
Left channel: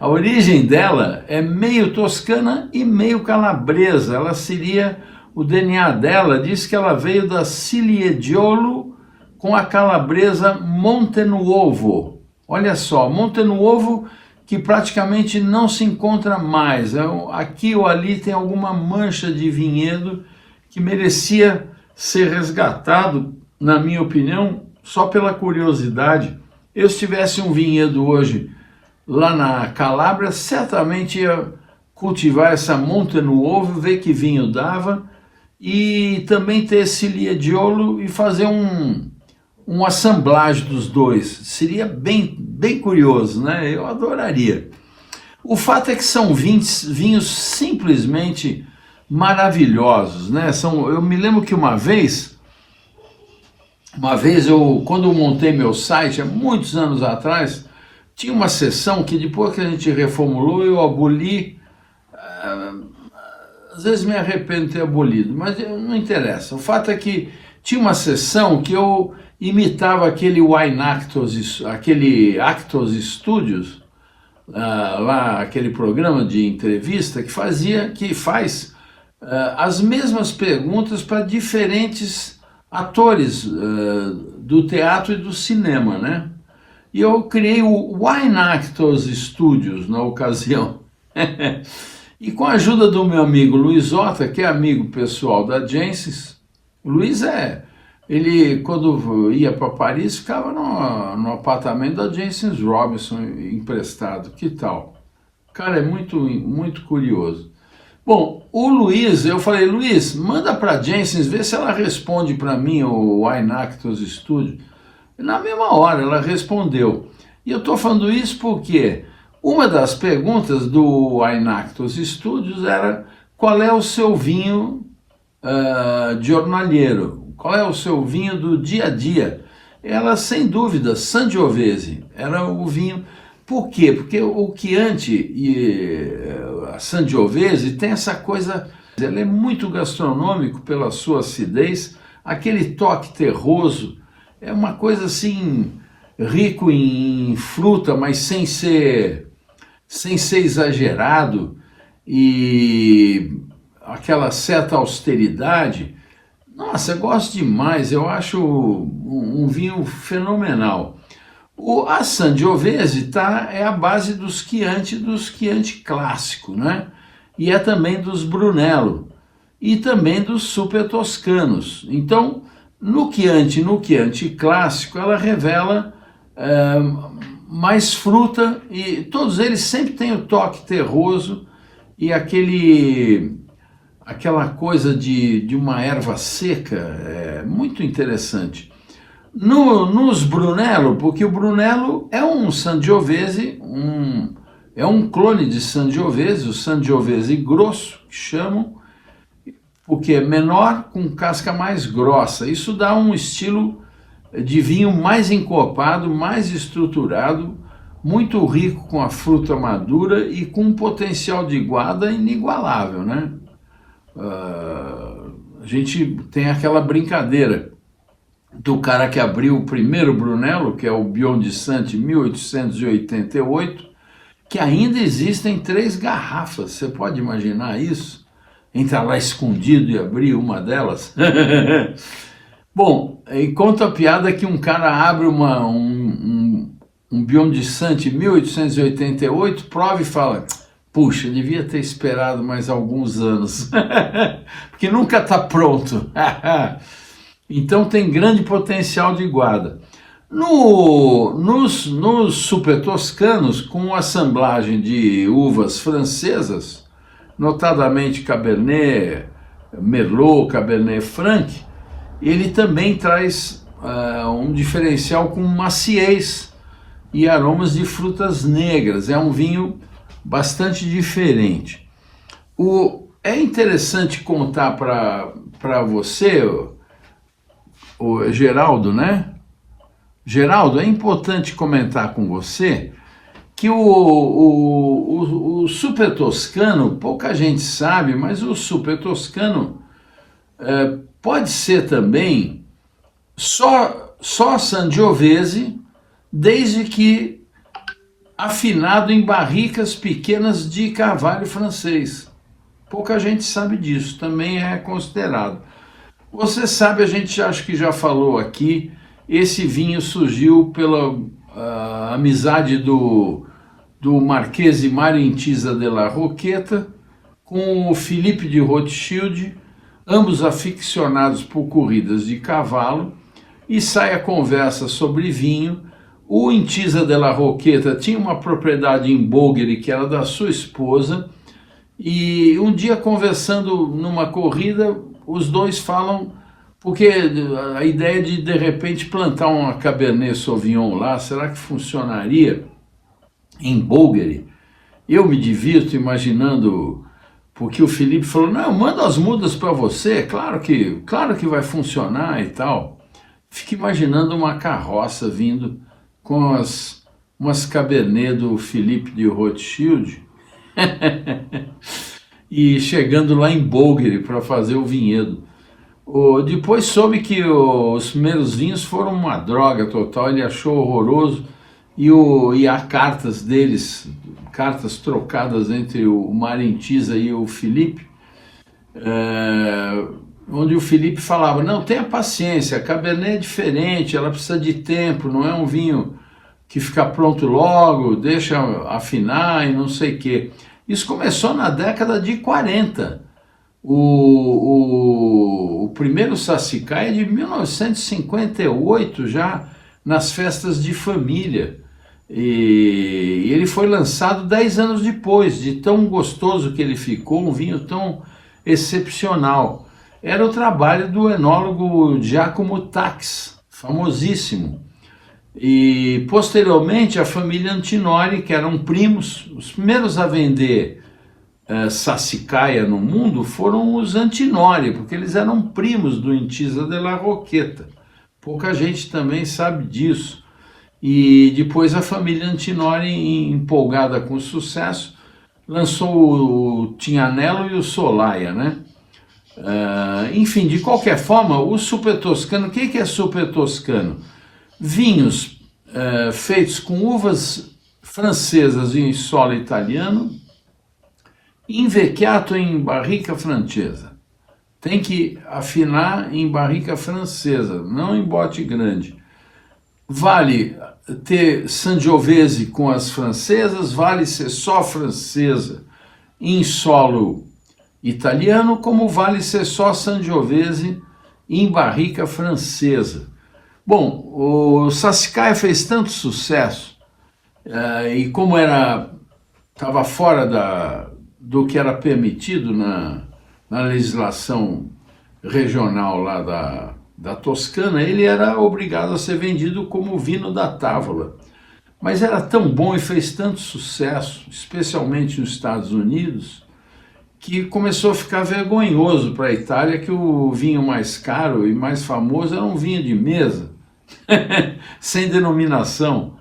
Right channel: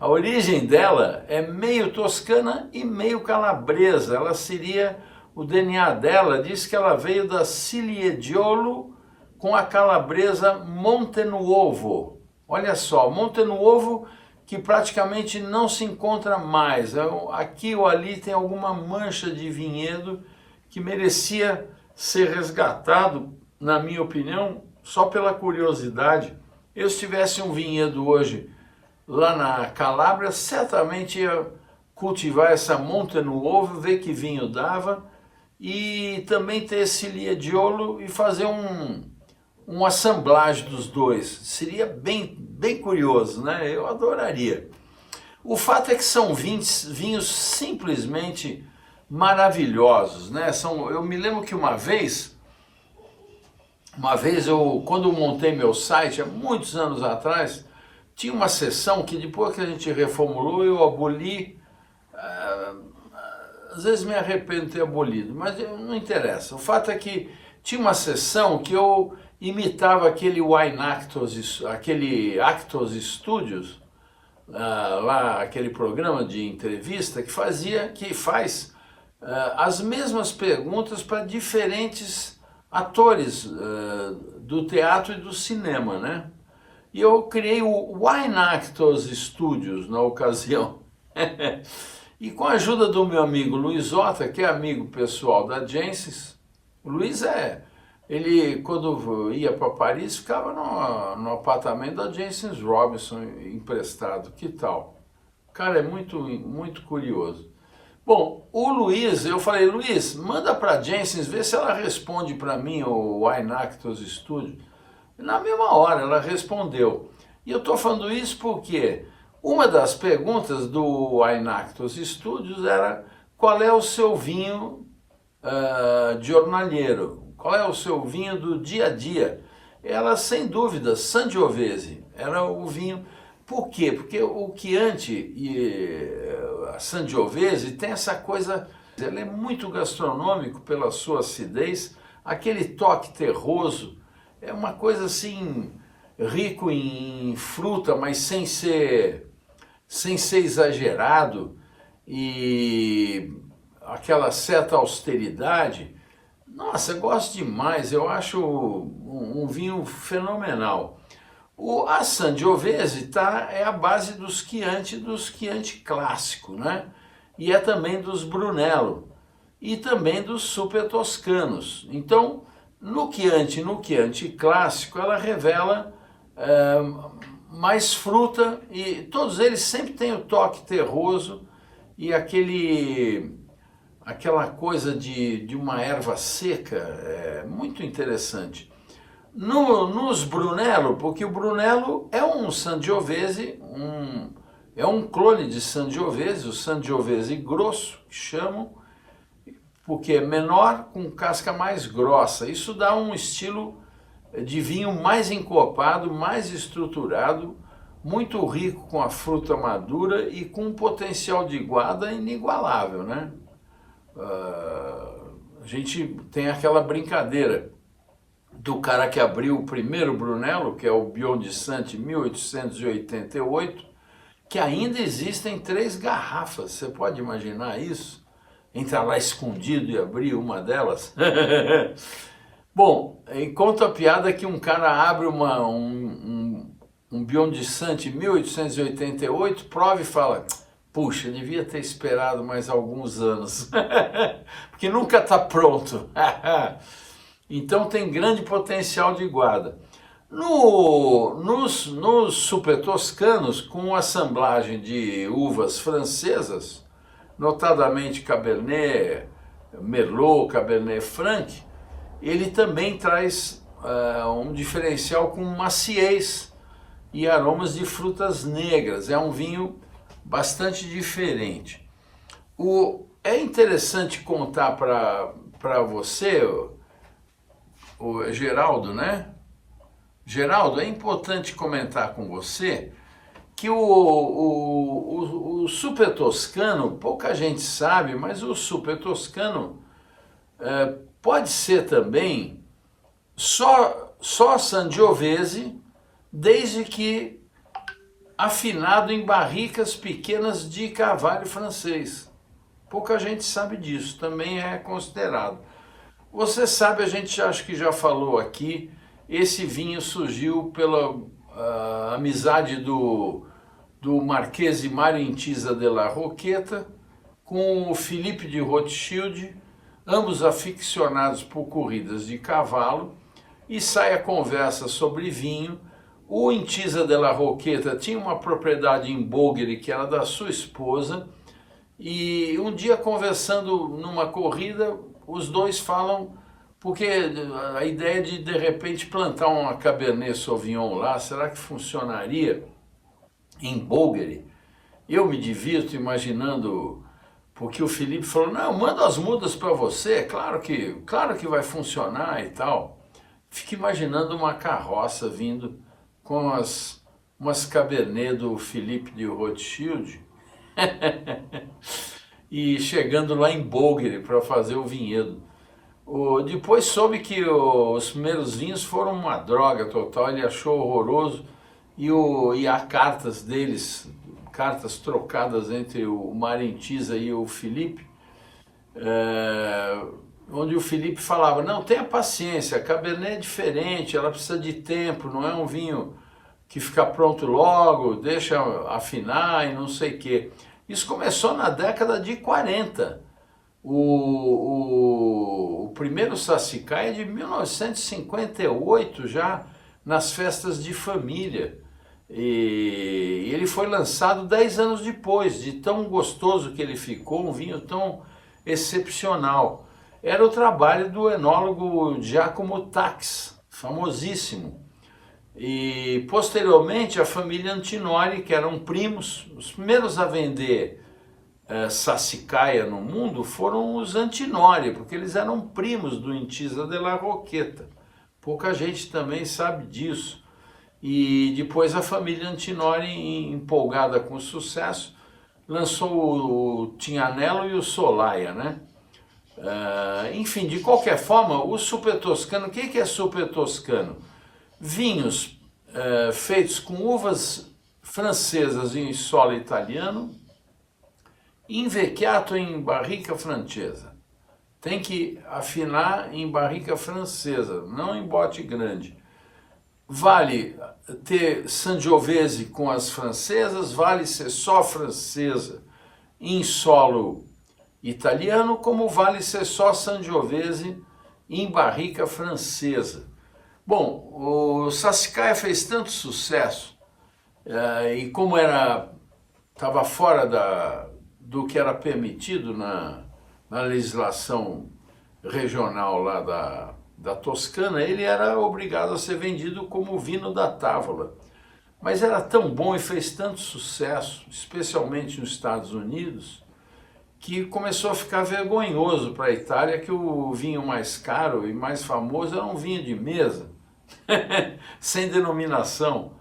A origem dela é meio toscana e meio calabresa. Ela seria, o DNA dela diz que ela veio da Cilieggiolo com a calabresa Montenuovo. Olha só, Montenuovo que praticamente não se encontra mais. Aqui ou ali tem alguma mancha de vinhedo que merecia ser resgatado, na minha opinião, só pela curiosidade. Eu, se tivesse um vinhedo hoje lá na Calábria, certamente ia cultivar essa Montenuovo, ver que vinho dava, e também ter esse Cilieggiolo e fazer um assemblage dos dois. Seria bem curioso, né? Eu adoraria. O fato é que são vinhos simplesmente maravilhosos, né? Eu me lembro que uma vez quando eu montei meu site, há muitos anos atrás, tinha uma seção que depois que a gente reformulou, eu aboli. Às vezes me arrependo de ter abolido, mas não interessa. O fato é que tinha uma seção que eu imitava aquele aquele Actos Studios, lá aquele programa de entrevista que faz as mesmas perguntas para diferentes atores do teatro e do cinema, né? E eu criei o Wine Actors Studios na ocasião. E com a ajuda do meu amigo Luiz Ota, que é amigo pessoal da Jancis, o Luiz ele quando ia para Paris ficava no apartamento da Jancis Robinson emprestado. Que tal? Cara, é muito curioso. Bom, o Luiz, eu falei, Luiz, manda para a Jancis, vê se ela responde para mim o Wine Actors Studio. Na mesma hora ela respondeu. E eu estou falando isso porque uma das perguntas do Wine Actors Studios era: qual é o seu vinho jornalheiro? qual é o seu vinho do dia a dia? Ela, sem dúvida, Sangiovese, era o vinho. Por quê? Porque o Chianti e a Sangiovese tem essa coisa, ela é muito gastronômico pela sua acidez, aquele toque terroso, é uma coisa assim, rico em fruta, mas sem ser exagerado, e aquela certa austeridade. Nossa, eu gosto demais, eu acho um vinho fenomenal. A Sangiovese é a base dos Chianti clássico, né? E é também dos Brunello e também dos Super Toscanos. Então, no Chianti clássico, ela revela mais fruta, e todos eles sempre têm o toque terroso e aquela coisa de uma erva seca, muito interessante. Nos Brunello, porque o Brunello é um Sangiovese, é um clone de Sangiovese, o Sangiovese grosso, que chamam, porque é menor com casca mais grossa. Isso dá um estilo de vinho mais encorpado, mais estruturado, muito rico com a fruta madura e com um potencial de guarda inigualável, né? A gente tem aquela brincadeira do cara que abriu o primeiro Brunello, que é o Biondisanti 1888, que ainda existem 3 garrafas. Você pode imaginar isso? Entrar lá escondido e abrir uma delas? Bom, e conta a piada que um cara abre um Biondisanti 1888, prova e fala: puxa, devia ter esperado mais alguns anos, porque nunca está pronto. Então tem grande potencial de guarda. Nos Super Toscanos, com assemblagem de uvas francesas, notadamente Cabernet Merlot, Cabernet Franc, ele também traz um diferencial com maciez e aromas de frutas negras. É um vinho bastante diferente. É interessante contar para você, o Geraldo, né? Geraldo, é importante comentar com você que o Super Toscano, pouca gente sabe, mas o Super Toscano pode ser também só Sangiovese, desde que afinado em barricas pequenas de carvalho francês. Pouca gente sabe disso, também é considerado. Você sabe, a gente acho que já falou aqui, esse vinho surgiu pela amizade do Marchese Mario Intisa della Rocchetta com o Philippe de Rothschild, ambos aficionados por corridas de cavalo, e sai a conversa sobre vinho. O Intisa della Rocchetta tinha uma propriedade em Bolgheri que era da sua esposa, e um dia, conversando numa corrida, os dois falam, porque a ideia de repente plantar uma Cabernet Sauvignon lá, será que funcionaria em Bolgheri? Eu me divirto imaginando, porque o Felipe falou: não, manda as mudas para você, claro que vai funcionar e tal. Fico imaginando uma carroça vindo com umas Cabernet do Felipe de Rothschild e chegando lá em Bolgheri para fazer o vinhedo. Depois soube que os primeiros vinhos foram uma droga total, ele achou horroroso, e há cartas deles, cartas trocadas entre o Mario Intisa e o Felipe, onde o Felipe falava: não, tenha paciência, a Cabernet é diferente, ela precisa de tempo, não é um vinho que fica pronto logo, deixa afinar e não sei o quê. Isso começou na década de 40. O primeiro Sassicaia é de 1958, já nas festas de família. E ele foi lançado 10 anos depois, de tão gostoso que ele ficou, um vinho tão excepcional. Era o trabalho do enólogo Giacomo Tax, famosíssimo. E posteriormente a família Antinori, que eram primos, os primeiros a vender Sassicaia no mundo foram os Antinori, porque eles eram primos do Intisa de la Roqueta. Pouca gente também sabe disso. E depois a família Antinori, empolgada com o sucesso, lançou o Tignanello e o Solaia, né? Enfim, de qualquer forma, o Super Toscano, o que é Super Toscano? Vinhos feitos com uvas francesas em solo italiano, invecchiato em barrica francesa. Tem que afinar em barrica francesa, não em bote grande. Vale ter Sangiovese com as francesas, vale ser só francesa em solo italiano, como vale ser só Sangiovese em barrica francesa. Bom, o Sassicaia fez tanto sucesso, e como estava fora do que era permitido na legislação regional lá da Toscana, ele era obrigado a ser vendido como vinho da távola. Mas era tão bom e fez tanto sucesso, especialmente nos Estados Unidos, que começou a ficar vergonhoso para a Itália que o vinho mais caro e mais famoso era um vinho de mesa, sem denominação.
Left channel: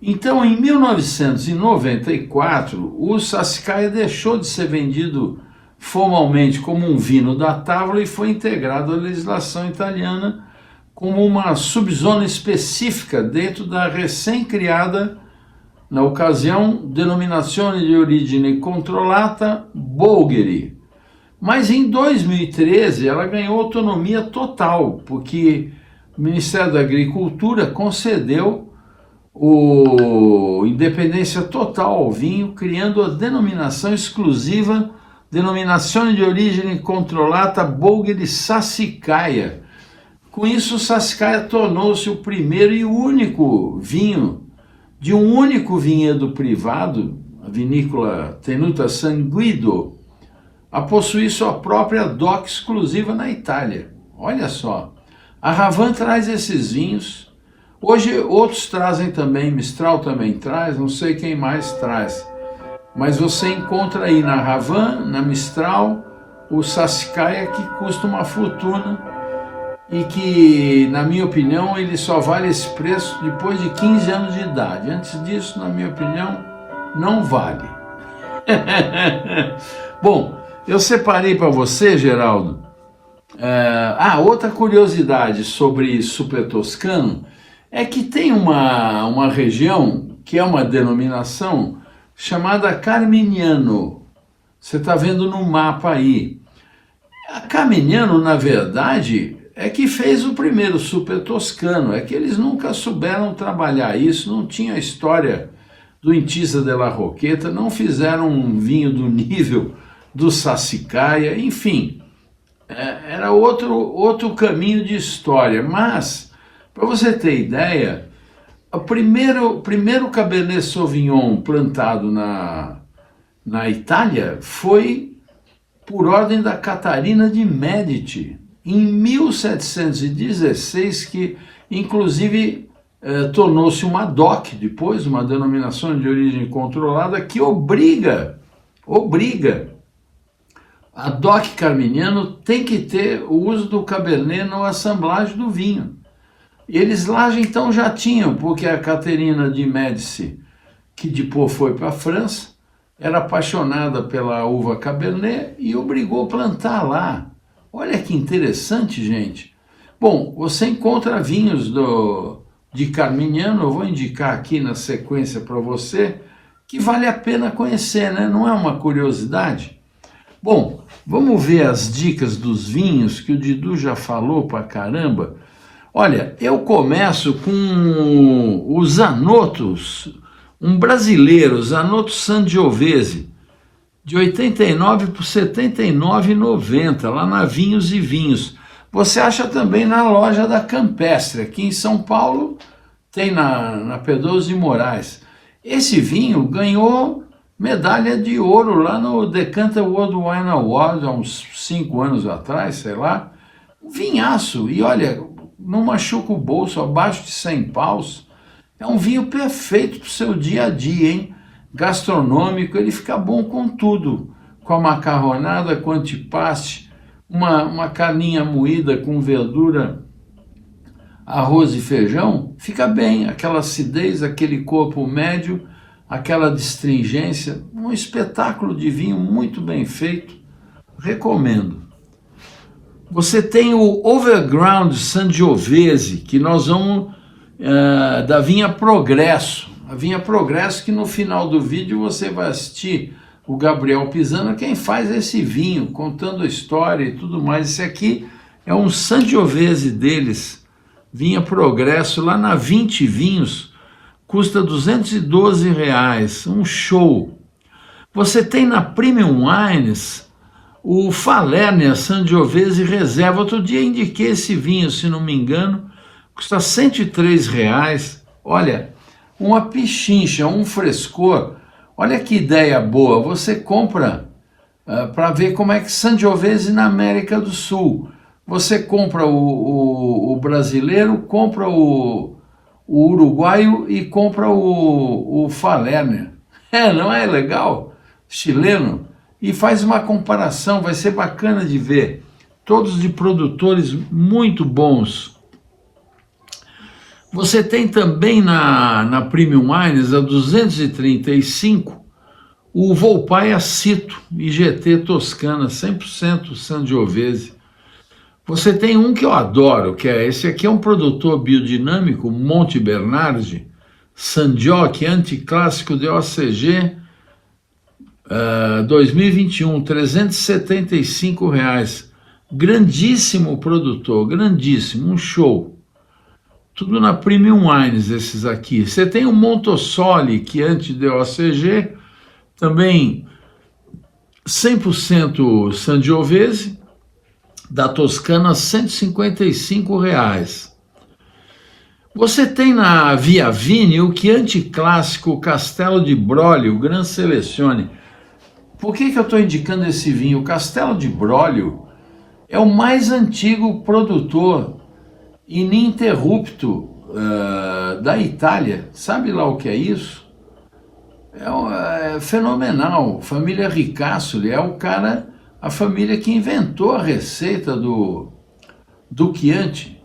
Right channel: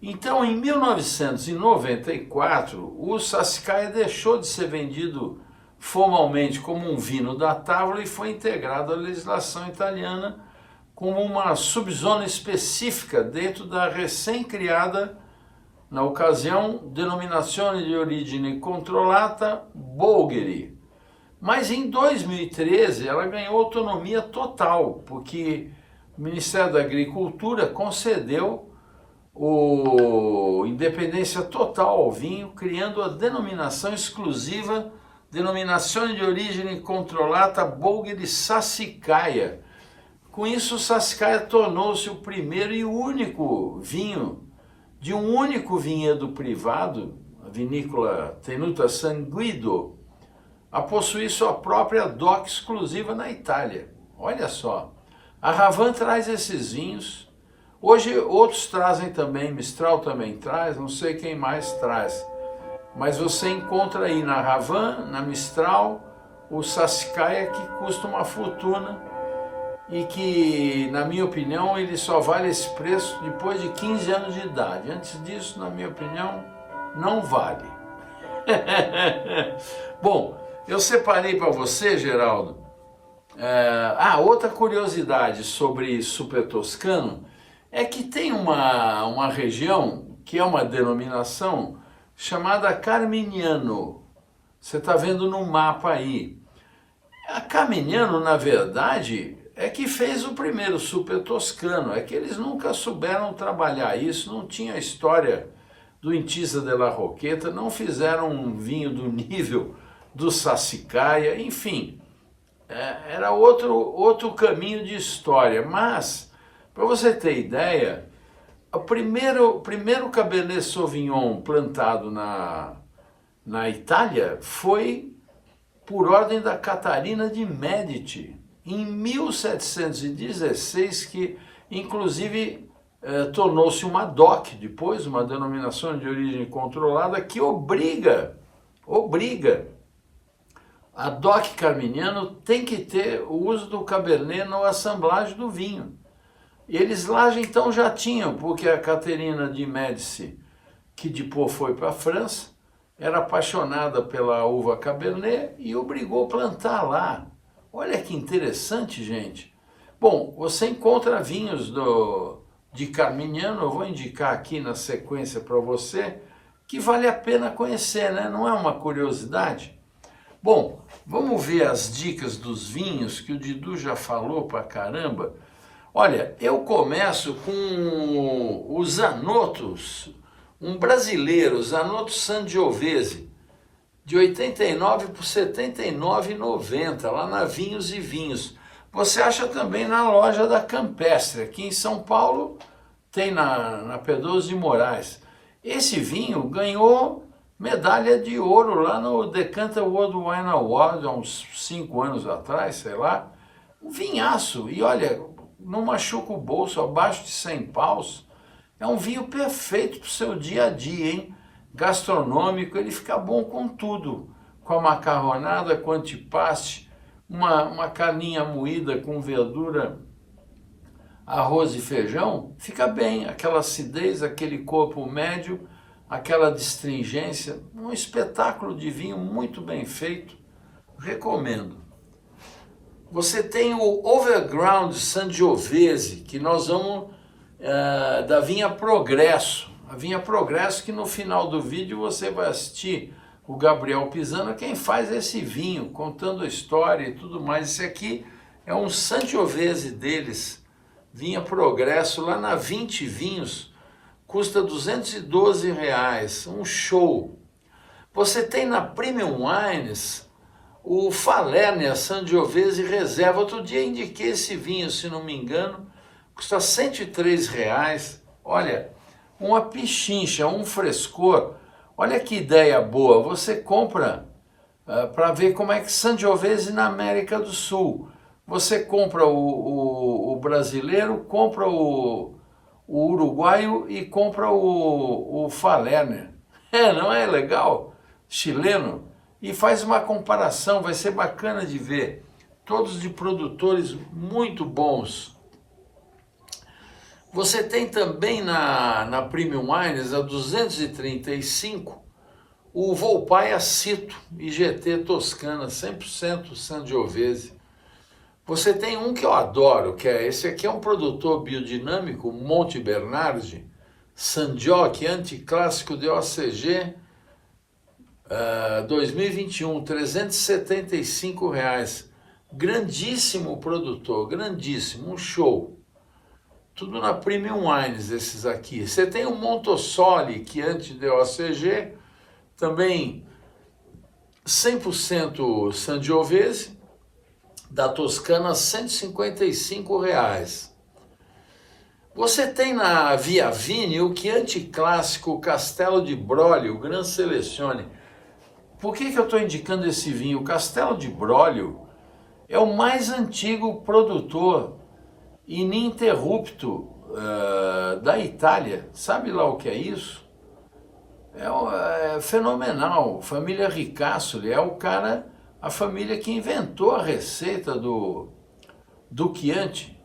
Então, em 1994, o Sassicaia deixou de ser vendido formalmente como um vinho da távola e foi integrado à legislação italiana como uma subzona específica dentro da recém-criada, na ocasião, Denominazione di Origine Controllata Bolgheri. Mas em 2013 ela ganhou autonomia total, porque o Ministério da Agricultura concedeu independência total ao vinho, criando a denominação exclusiva Denominazione di Origine Controllata Bolgheri Sassicaia. Com isso, o Sassicaia tornou-se o primeiro e único vinho de um único vinhedo privado, a vinícola Tenuta San Guido, a possuir sua própria DOC exclusiva na Itália. Olha só, a Ravan traz esses vinhos. Hoje outros trazem também, Mistral também traz, não sei quem mais traz. Mas você encontra aí na Ravan, na Mistral, o Sassicaia, que custa uma fortuna e que, na minha opinião, ele só vale esse preço depois de 15 anos de idade. Antes disso, na minha opinião, não vale. Bom, eu separei para você, Geraldo, outra curiosidade sobre Super Toscano é que tem uma região que é uma denominação chamada Carmignano. Você está vendo no mapa aí. A Carmignano, na verdade, é que fez o primeiro Super Toscano. É que eles nunca souberam trabalhar isso, não tinha a história do Intisa de la Roqueta, não fizeram um vinho do nível do Sassicaia, enfim, era outro caminho de história. Mas, para você ter ideia, o primeiro Cabernet Sauvignon plantado na Itália foi por ordem da Catarina de Médici, em 1716, que inclusive tornou-se uma DOC, depois uma denominação de origem controlada, que obriga a DOC Carmignano tem que ter o uso do Cabernet na assemblagem do vinho. Eles lá então já tinham, porque a Catarina de Médici, que depois foi para a França, era apaixonada pela uva Cabernet e obrigou a plantar lá. Olha que interessante, gente. Bom, você encontra vinhos de Carmignano, eu vou indicar aqui na sequência para você, que vale a pena conhecer, né? Não é uma curiosidade? Bom, vamos ver as dicas dos vinhos, que o Didu já falou pra caramba. Olha, eu começo com o Zanotto, um brasileiro, Zanotto Sangiovese, de 89 por R$ 79,90, lá na Vinhos e Vinhos. Você acha também na loja da Campestre, aqui em São Paulo, tem na Pedroso de Moraes. Esse vinho ganhou medalha de ouro lá no Decanter World Wine Award, há uns 5 anos atrás, sei lá. Um vinhaço, e olha, não machuca o bolso, abaixo de 100 paus. É um vinho perfeito para o seu dia a dia, hein? Gastronômico, ele fica bom com tudo. com a macarronada, com antipaste, uma carninha moída com verdura, arroz e feijão, fica bem, aquela acidez, aquele corpo médio, aquela astringência, um espetáculo de vinho muito bem feito, recomendo. Você tem o Overground Sangiovese, que nós vamos da vinha Progresso. A vinha Progresso, que no final do vídeo você vai assistir o Gabriel Pisano, quem faz esse vinho, contando a história e tudo mais. Esse aqui é um Sangiovese deles, vinha Progresso, lá na 20 Vinhos, custa R$212, um show. Você tem na Premium Wines o Falernia Sangiovese Reserva. Outro dia indiquei esse vinho, se não me engano, custa R$103. Olha, uma pichincha, um frescor. Olha que ideia boa. Você compra para ver como é que Sangiovese na América do Sul. Você compra o brasileiro, compra o uruguaio e compra o Falernia. Não é legal? Chileno. E faz uma comparação, vai ser bacana de ver. Todos de produtores muito bons. Você tem também na Premium Wines, a 235, o Volpaia Cito, IGT Toscana, 100% Sangiovese. Você tem um que eu adoro, que é esse aqui, é um produtor biodinâmico, Monte Bernardi, Sangiovese, anticlássico de OCG, 2021, R$375. Grandíssimo produtor, grandíssimo, um show. Tudo na Premium Wines, esses aqui. Você tem o Montosoli, que antes de OCG, também 100% Sangiovese, da Toscana, R$155. Você tem na Via Vini o Chianti Clássico Castello di Broglio, Gran Selezione. Por que eu estou indicando esse vinho? O Castello di Broglio é o mais antigo produtor ininterrupto da Itália. Sabe lá o que é isso? É fenomenal. Família Ricasoli é a família que inventou a receita do Chianti.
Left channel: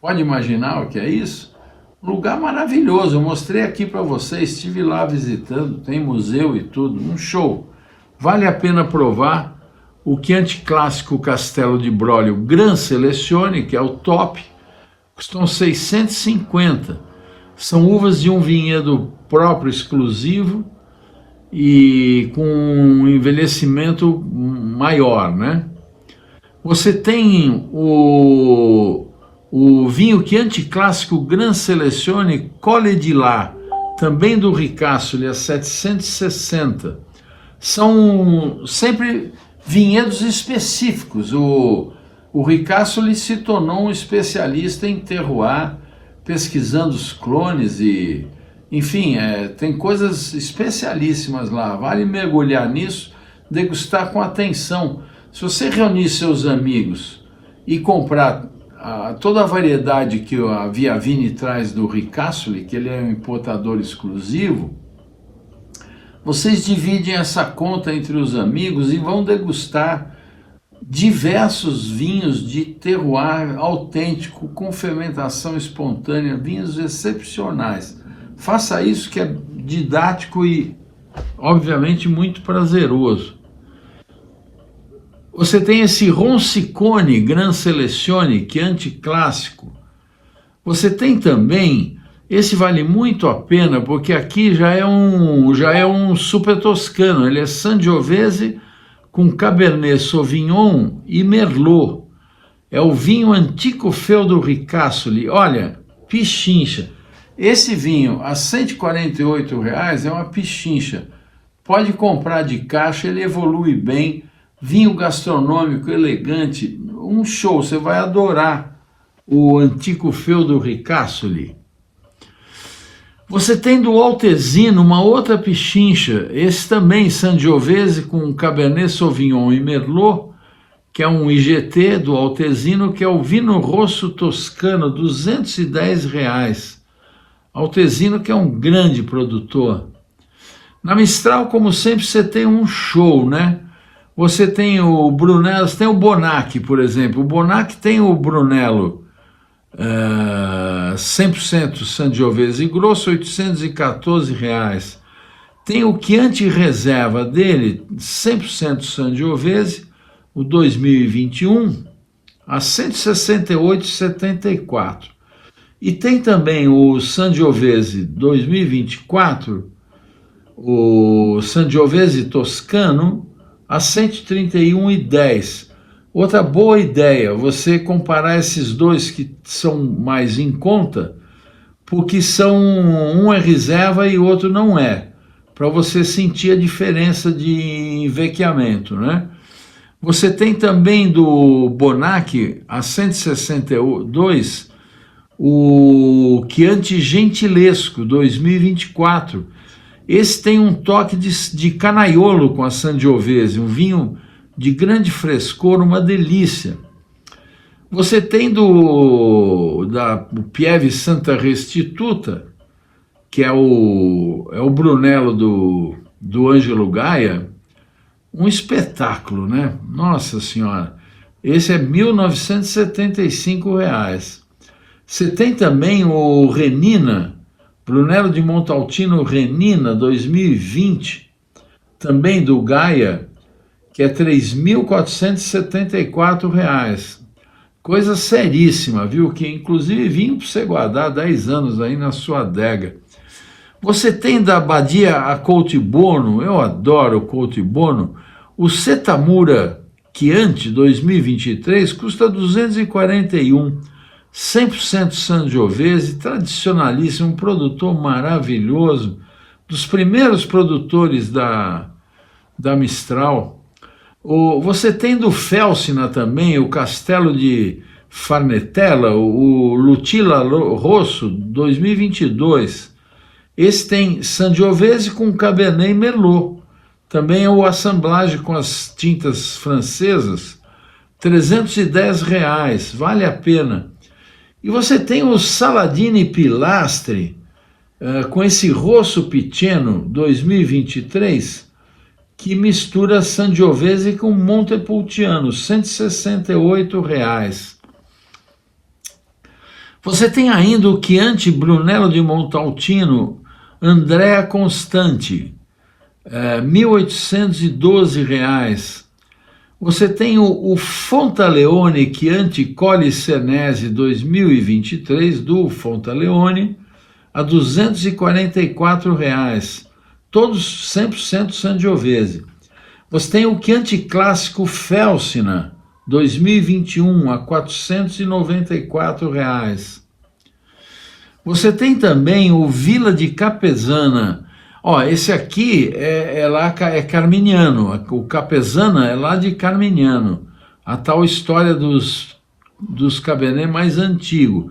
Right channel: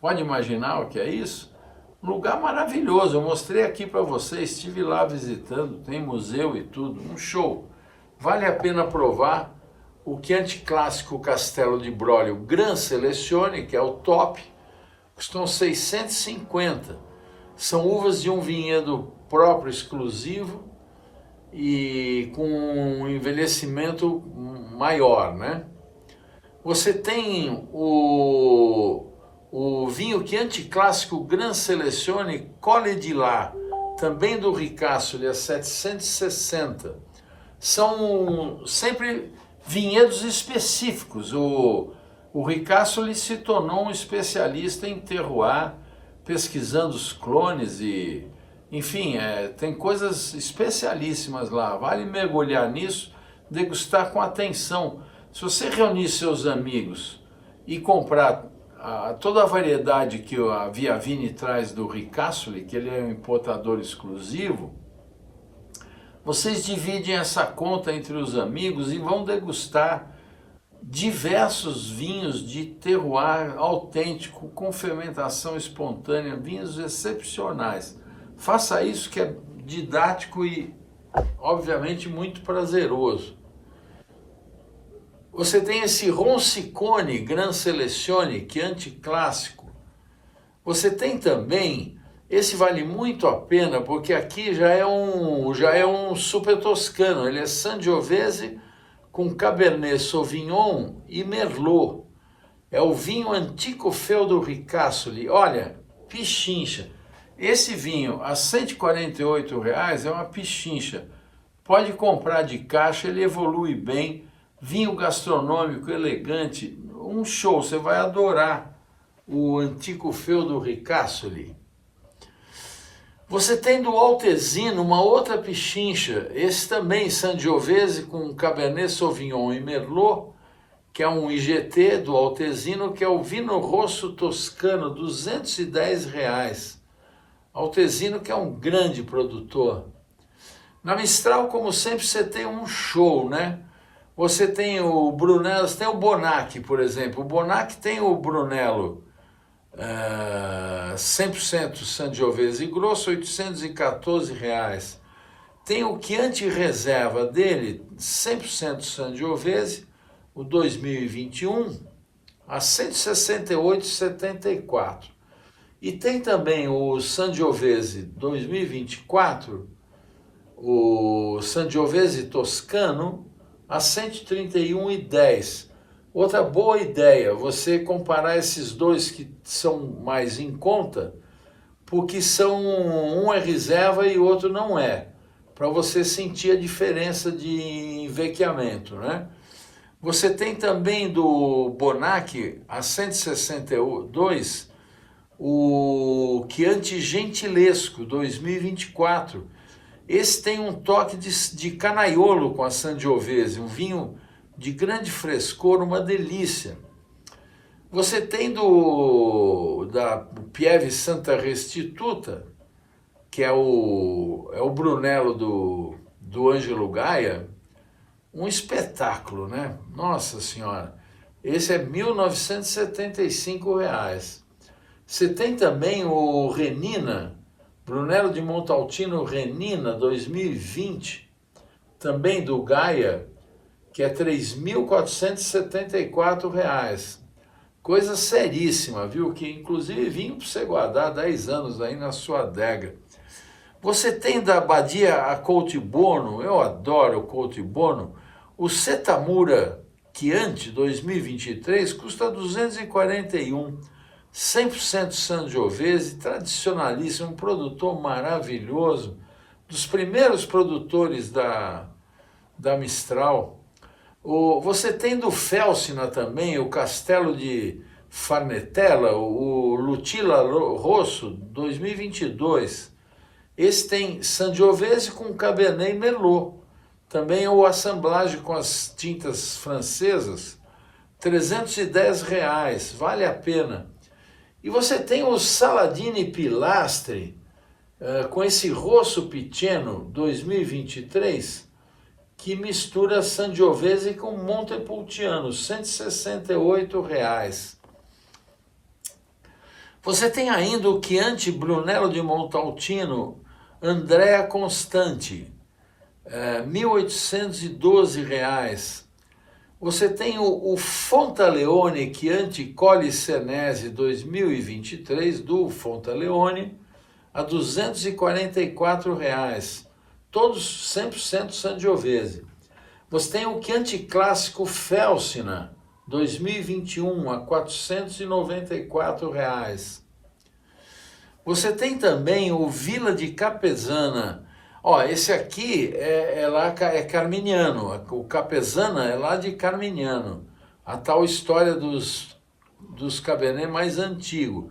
Pode imaginar o que é isso? Um lugar maravilhoso. Eu mostrei aqui para vocês, estive lá visitando, tem museu e tudo, um show. Vale a pena provar o Chianti Clássico Castello di Broglio Gran Selezione, que é o top, custam 650. São uvas de um vinhedo próprio, exclusivo, e com um envelhecimento maior, né? Você tem o vinho Chianti Clássico Gran Selezione Colle di Là, também do Ricasoli, a 760. São sempre vinhedos específicos. O Ricasoli se tornou um especialista em terroir, pesquisando os clones e, enfim, tem coisas especialíssimas lá. Vale mergulhar nisso, degustar com atenção. Se você reunir seus amigos e comprar toda a variedade que a Via Vini traz do Ricasoli, que ele é um importador exclusivo, vocês dividem essa conta entre os amigos e vão degustar diversos vinhos de terroir autêntico, com fermentação espontânea, vinhos excepcionais. Faça isso, que é didático e, obviamente, muito prazeroso. Você tem esse Ronsicone Gran Selezione, Chianti Clássico. Você tem também, esse vale muito a pena, porque aqui já é um super toscano, ele é Sangiovese com Cabernet Sauvignon e Merlot. É o vinho Antico Feudo Ricasoli. Olha, pichincha. Esse vinho a R$148 é uma pichincha. Pode comprar de caixa, ele evolui bem. Vinho gastronômico, elegante, um show. Você vai adorar o Antico Feudo Ricasoli. Você tem do Altesino uma outra pichincha, esse também Sangiovese com Cabernet Sauvignon e Merlot, que é um IGT do Altesino, que é o Vino Rosso Toscano, R$210. Altesino, que é um grande produtor. Na Mistral, como sempre, você tem um show, né? Você tem o Brunello, você tem o Bonacci, por exemplo. O Bonacci tem o Brunello 100% Sangiovese grosso, R$ 814. Tem o Chianti Reserva dele, 100% Sangiovese, o 2021, a R$ 168,74. E tem também o Sangiovese 2024, o Sangiovese Toscano, a R$ 131,10. Outra boa ideia, você comparar esses dois que são mais em conta, porque um é reserva e o outro não é, para você sentir a diferença de envequeamento, né? Você tem também do Bonacci, a 162, o Chianti Gentilesco 2024. Esse tem um toque de canaiolo com a Sangiovese, um vinho de grande frescor, uma delícia. Você tem da Pieve Santa Restituta, que é o Brunello do Ângelo Gaia, um espetáculo, né? Nossa Senhora, esse é R$ 1.975. Você tem também o Renina, Brunello de Montalcino Renina 2020, também do Gaia, que é R$ 3.474. Coisa seríssima, viu? Que inclusive vinho para você guardar 10 anos aí na sua adega. Você tem da Badia a Coltibono, eu adoro o Coltibono, o Setamura Chianti 2023 custa 241, 100% Sangiovese, tradicionalíssimo, um produtor maravilhoso, dos primeiros produtores da Mistral. Você tem do Felsina também, o Castelo de Farnetella, o Lutilla Rosso 2022. Esse tem Sangiovese com Cabernet e Merlot. Também é o assemblage com as tintas francesas, R$ 310, vale a pena. E você tem o Saladini Pilastri, com esse Rosso Piceno 2023, que mistura Sangiovese com Montepulciano, R$ 168. Você tem ainda o Chianti Brunello de Montalcino, Andrea Constanti, R$ 1.812. Você tem o Fontaleone Chianti Colli Senesi 2023, do Fontaleone, a R$ 244. Todos 100% Sangiovese. Você tem o Chianti Clássico Felsina 2021 a R$ 494. Você tem também o Villa de Capesana. Esse aqui é carminiano, o Capesana é lá de Carmignano, a tal história dos Cabernet mais antigo.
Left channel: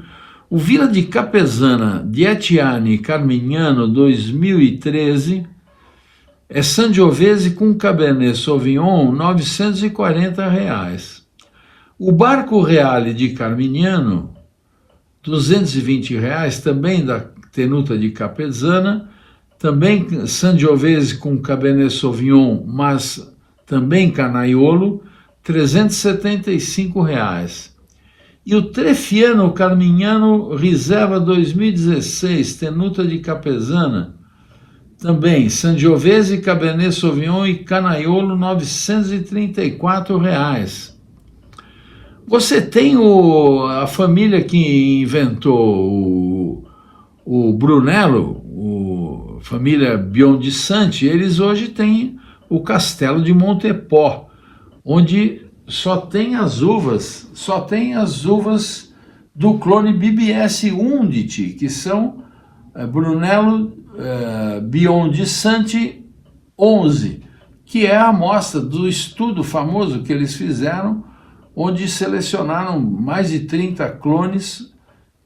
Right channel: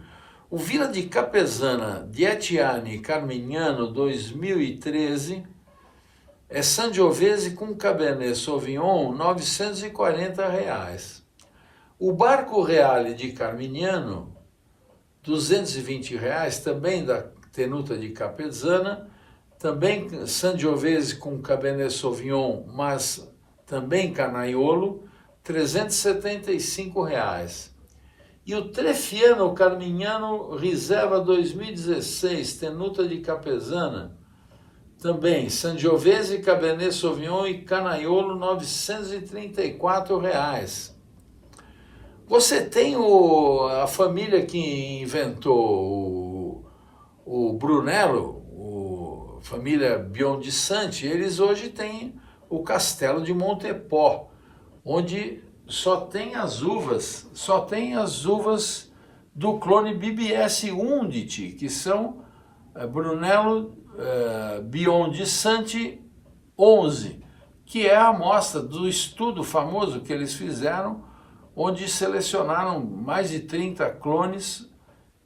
O Villa de Capesana di Etiani Carmignano 2013 é Sangiovese com Cabernet Sauvignon, R$ 940. O Barco Reale de Carmignano, R$ 220, também da Tenuta de Capesana, também Sangiovese com Cabernet Sauvignon, mas também Canaiolo, R$ 375. E o Trefiano Carmignano Reserva 2016, Tenuta de Capesana, também Sangiovese, Cabernet Sauvignon e Canaiolo, R$ 934. Você tem a família que inventou o Brunello, a família Biondisanti, eles hoje têm o Castelo de Montepò, onde só tem as uvas do clone BBS Unditi, que são Brunello Biondisanti 11, que é a amostra do estudo famoso que eles fizeram, onde selecionaram mais de 30 clones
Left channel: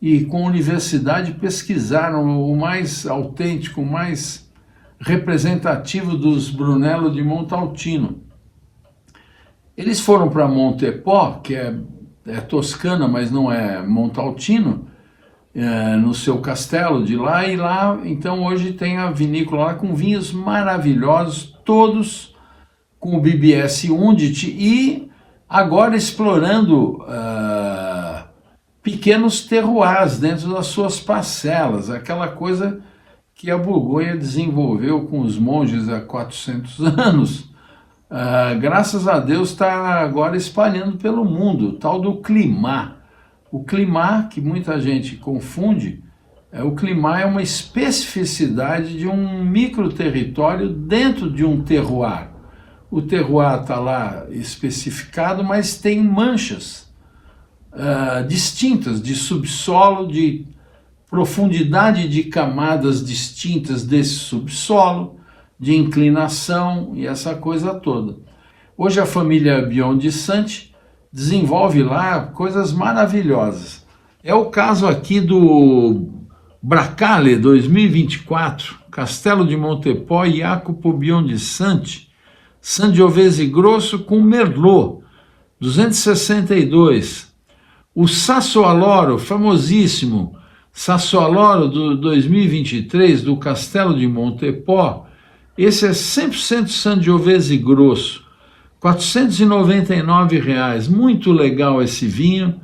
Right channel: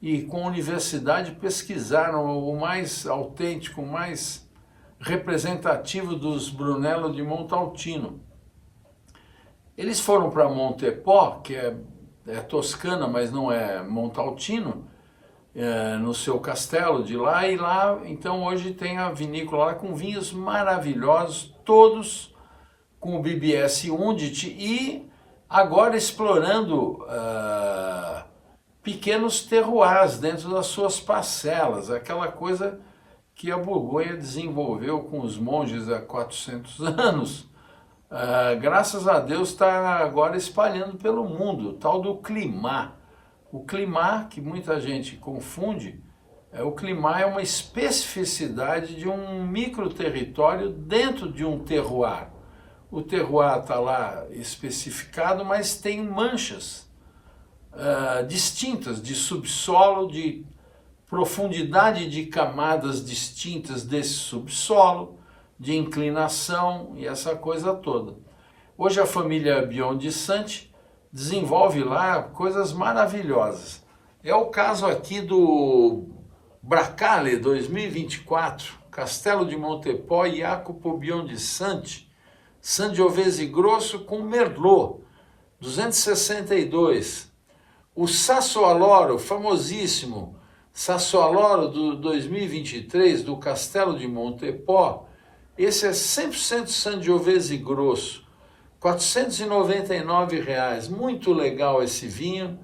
e com a universidade pesquisaram o mais autêntico, o mais representativo dos Brunello de Montalcino. Eles foram para Montepò, que é Toscana, mas não é Montalcino, no seu castelo de lá, e lá, então, hoje tem a vinícola lá com vinhos maravilhosos, todos com o BBS Undit e agora explorando pequenos terroirs dentro das suas parcelas, aquela coisa que a Borgonha desenvolveu com os monges há 400 anos. Graças a Deus está agora espalhando pelo mundo, tal do Climat. O Climat, que muita gente confunde, o Climat é uma especificidade de um microterritório dentro de um terroir. O terroir está lá especificado, mas tem manchas distintas de subsolo, de profundidade de camadas distintas desse subsolo, de inclinação e essa coisa toda. Hoje a família Biondissante desenvolve lá coisas maravilhosas. É o caso aqui do Bracale 2024, Castelo de Montepò e Jacopo Biondissante, Sangiovese Grosso com Merlot, 262. O Sassuoloro, famosíssimo Sassuoloro do 2023, do Castelo de Montepò, esse é 100% Sangiovese Grosso, R$ 499, muito legal esse vinho,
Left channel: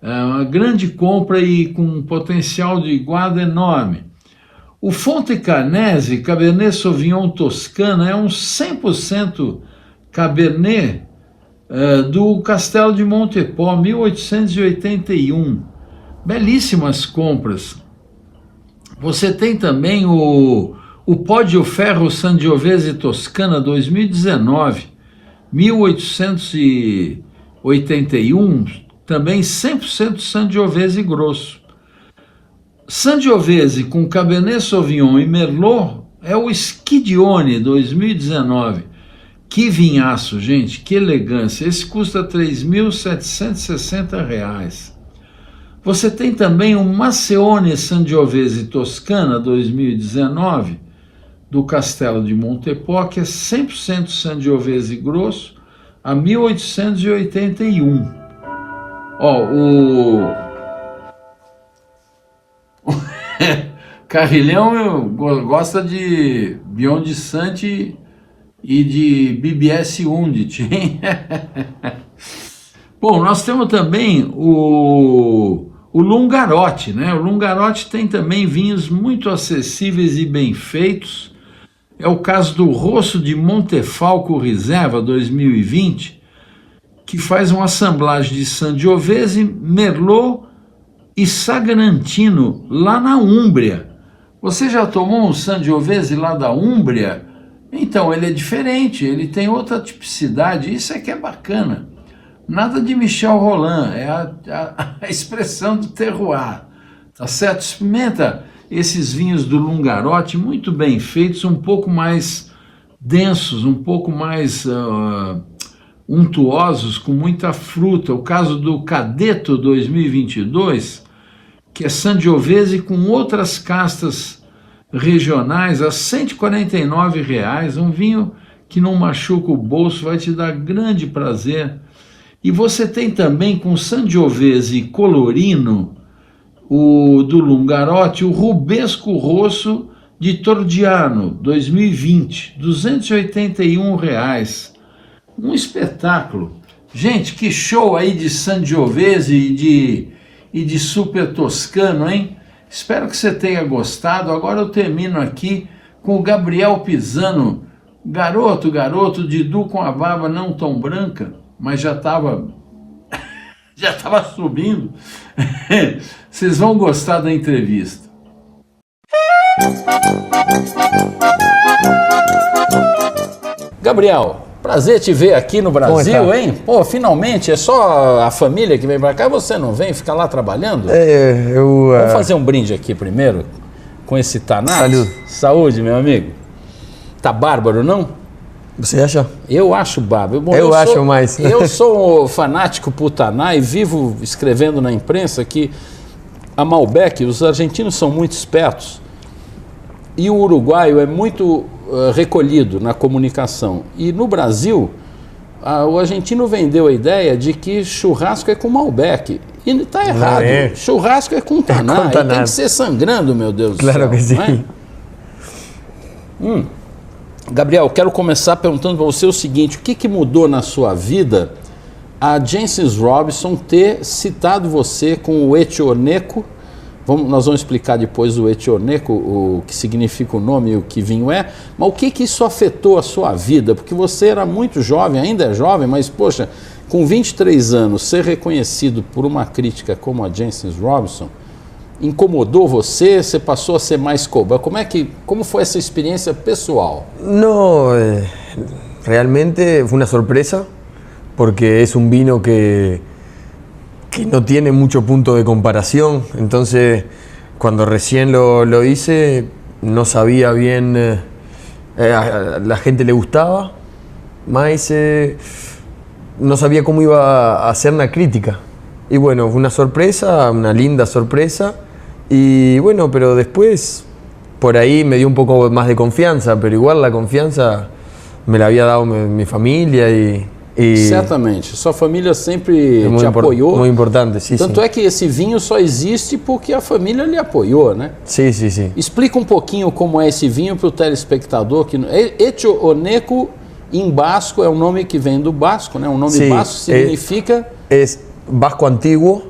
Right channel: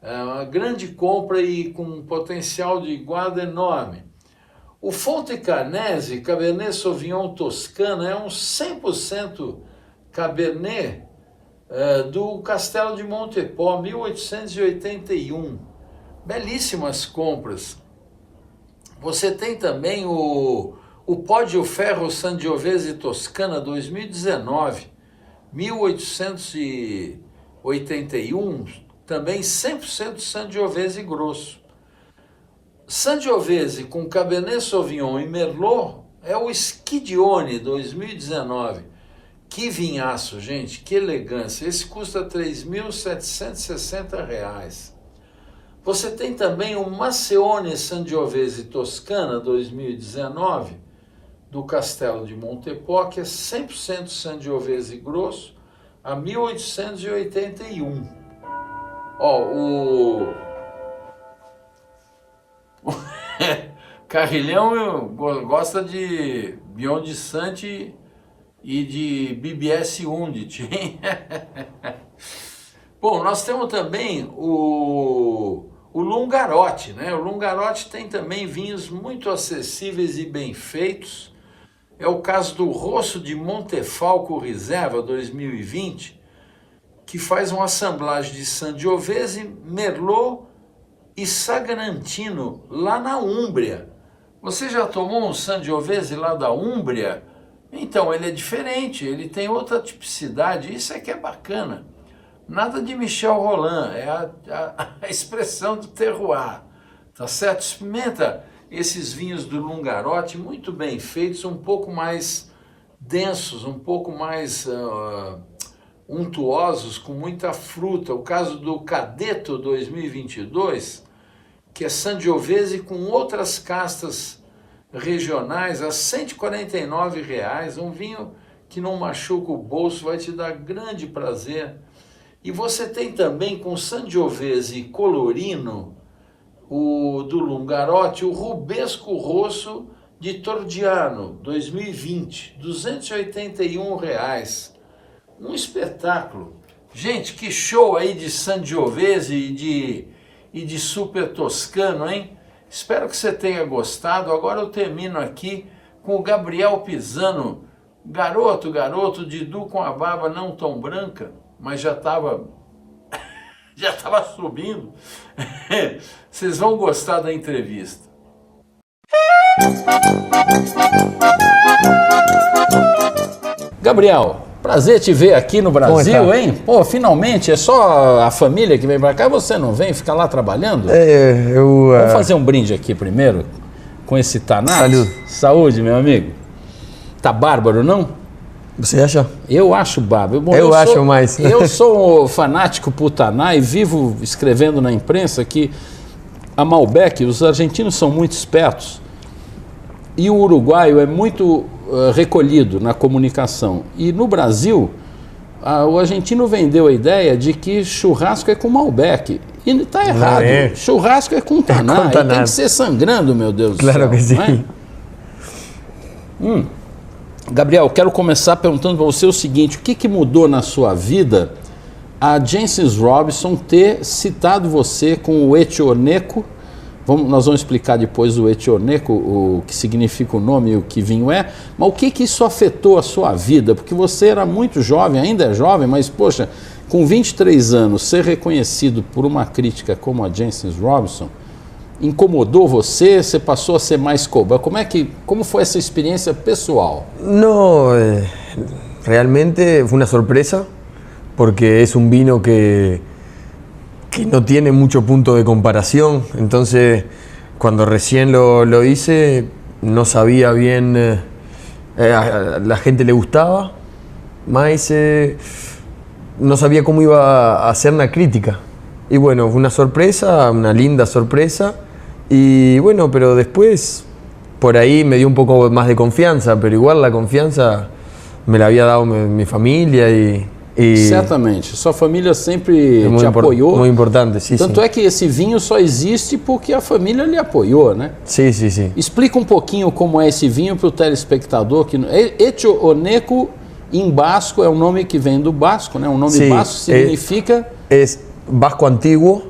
é uma grande compra e com um potencial de guarda enorme. O Fonte Carnese, Cabernet Sauvignon Toscana, é um 100% Cabernet do Castelo de Montepò, 1881. Belíssimas compras. Você tem também o Pó de Ferro Sangiovese Toscana 2019, 1881, também 100% Sangiovese Grosso. Sangiovese com Cabernet Sauvignon e Merlot é o Schidione 2019. Que vinhaço, gente, que elegância. Esse custa R$ 3.760. Você tem também o Maceione Sangiovese Toscana 2019, do Castelo de Montepò, que é 100% Sangiovese Grosso, a 1881. O Carrilhão gosta de Biondissante e de BBS Undit, hein? Bom, nós temos também o Lungarote, né? O Lungarote tem também vinhos muito acessíveis e bem feitos. É o caso do Rosso de Montefalco Reserva 2020, que faz uma assemblagem de Sangiovese, Merlot e Sagrantino, lá na Úmbria. Você já tomou um Sangiovese lá da Úmbria? Então, ele é diferente, ele tem outra tipicidade, isso é que é bacana. Nada de Michel Rolland, é a expressão do terroir, tá certo? Experimenta esses vinhos do Lungarote, muito bem feitos, um pouco mais densos, um pouco mais untuosos, com muita fruta. O caso do Cadeto 2022, que é Sangiovese com outras castas regionais a R$ 149, um vinho que não machuca o bolso, vai te dar grande prazer. E você tem também com Sangiovese Colorino, o do Lungarote, o Rubesco Rosso de Tordiano 2020, R$ 281. Um espetáculo. Gente, que show aí de Sangiovese e de Super Toscano, hein? Espero que você tenha gostado. Agora eu termino aqui com o Gabriel Pisano. Garoto, Didu com a barba não tão branca, mas já estava subindo. Vocês vão gostar da entrevista. Gabriel, prazer te ver aqui no Brasil, hein? Pô, finalmente, é só a família que vem pra cá, você não vem ficar lá trabalhando? Vamos fazer um brinde aqui primeiro, com esse Tanat. Saúde. Saúde, meu amigo. Tá bárbaro, não? Você acha? Eu acho bárbaro. Bom, eu acho mais. Eu sou fanático por Taná e vivo escrevendo na imprensa que a Malbec, os argentinos são muito espertos e o uruguaio é muito recolhido na comunicação. E no Brasil, o argentino vendeu a ideia de que churrasco é com Malbec. E está errado. Churrasco é com Taná. E tem que ser sangrando, meu Deus do céu. Claro que sim. Não é? Gabriel, quero começar perguntando para você o seguinte: o que mudou na sua vida a Jancis Robinson ter citado você com o Etioneco? Nós vamos explicar depois o Etioneco, o que significa o nome e o que vinho é, mas o que isso afetou a sua vida? Porque você era muito jovem, ainda é jovem, mas poxa, com 23 anos, ser reconhecido por uma crítica como a Jancis Robinson, incomodou você? Você passou a ser mais cobrado? Como foi essa experiência pessoal? No, realmente fue una sorpresa porque es un vino que no tiene mucho punto de comparación. Entonces, cuando recién lo hice, no sabía bien, a la gente le gustaba, más no sabía cómo iba a hacer una crítica. Y bueno, fue una sorpresa, una linda sorpresa. Y bueno, pero después por ahí me dio un poco más de confianza, pero igual la confianza me la había dado mi familia y certamente, sua família sempre te apoiou. Muito importante, sim. Tanto é que esse vinho só existe porque a família lhe apoiou, né? Sim, sim, sim. Explica um pouquinho como é esse vinho para o telespectador. Etioneco em basco é um nome que vem do basco, né? Um nome basco significa... É basco antiguo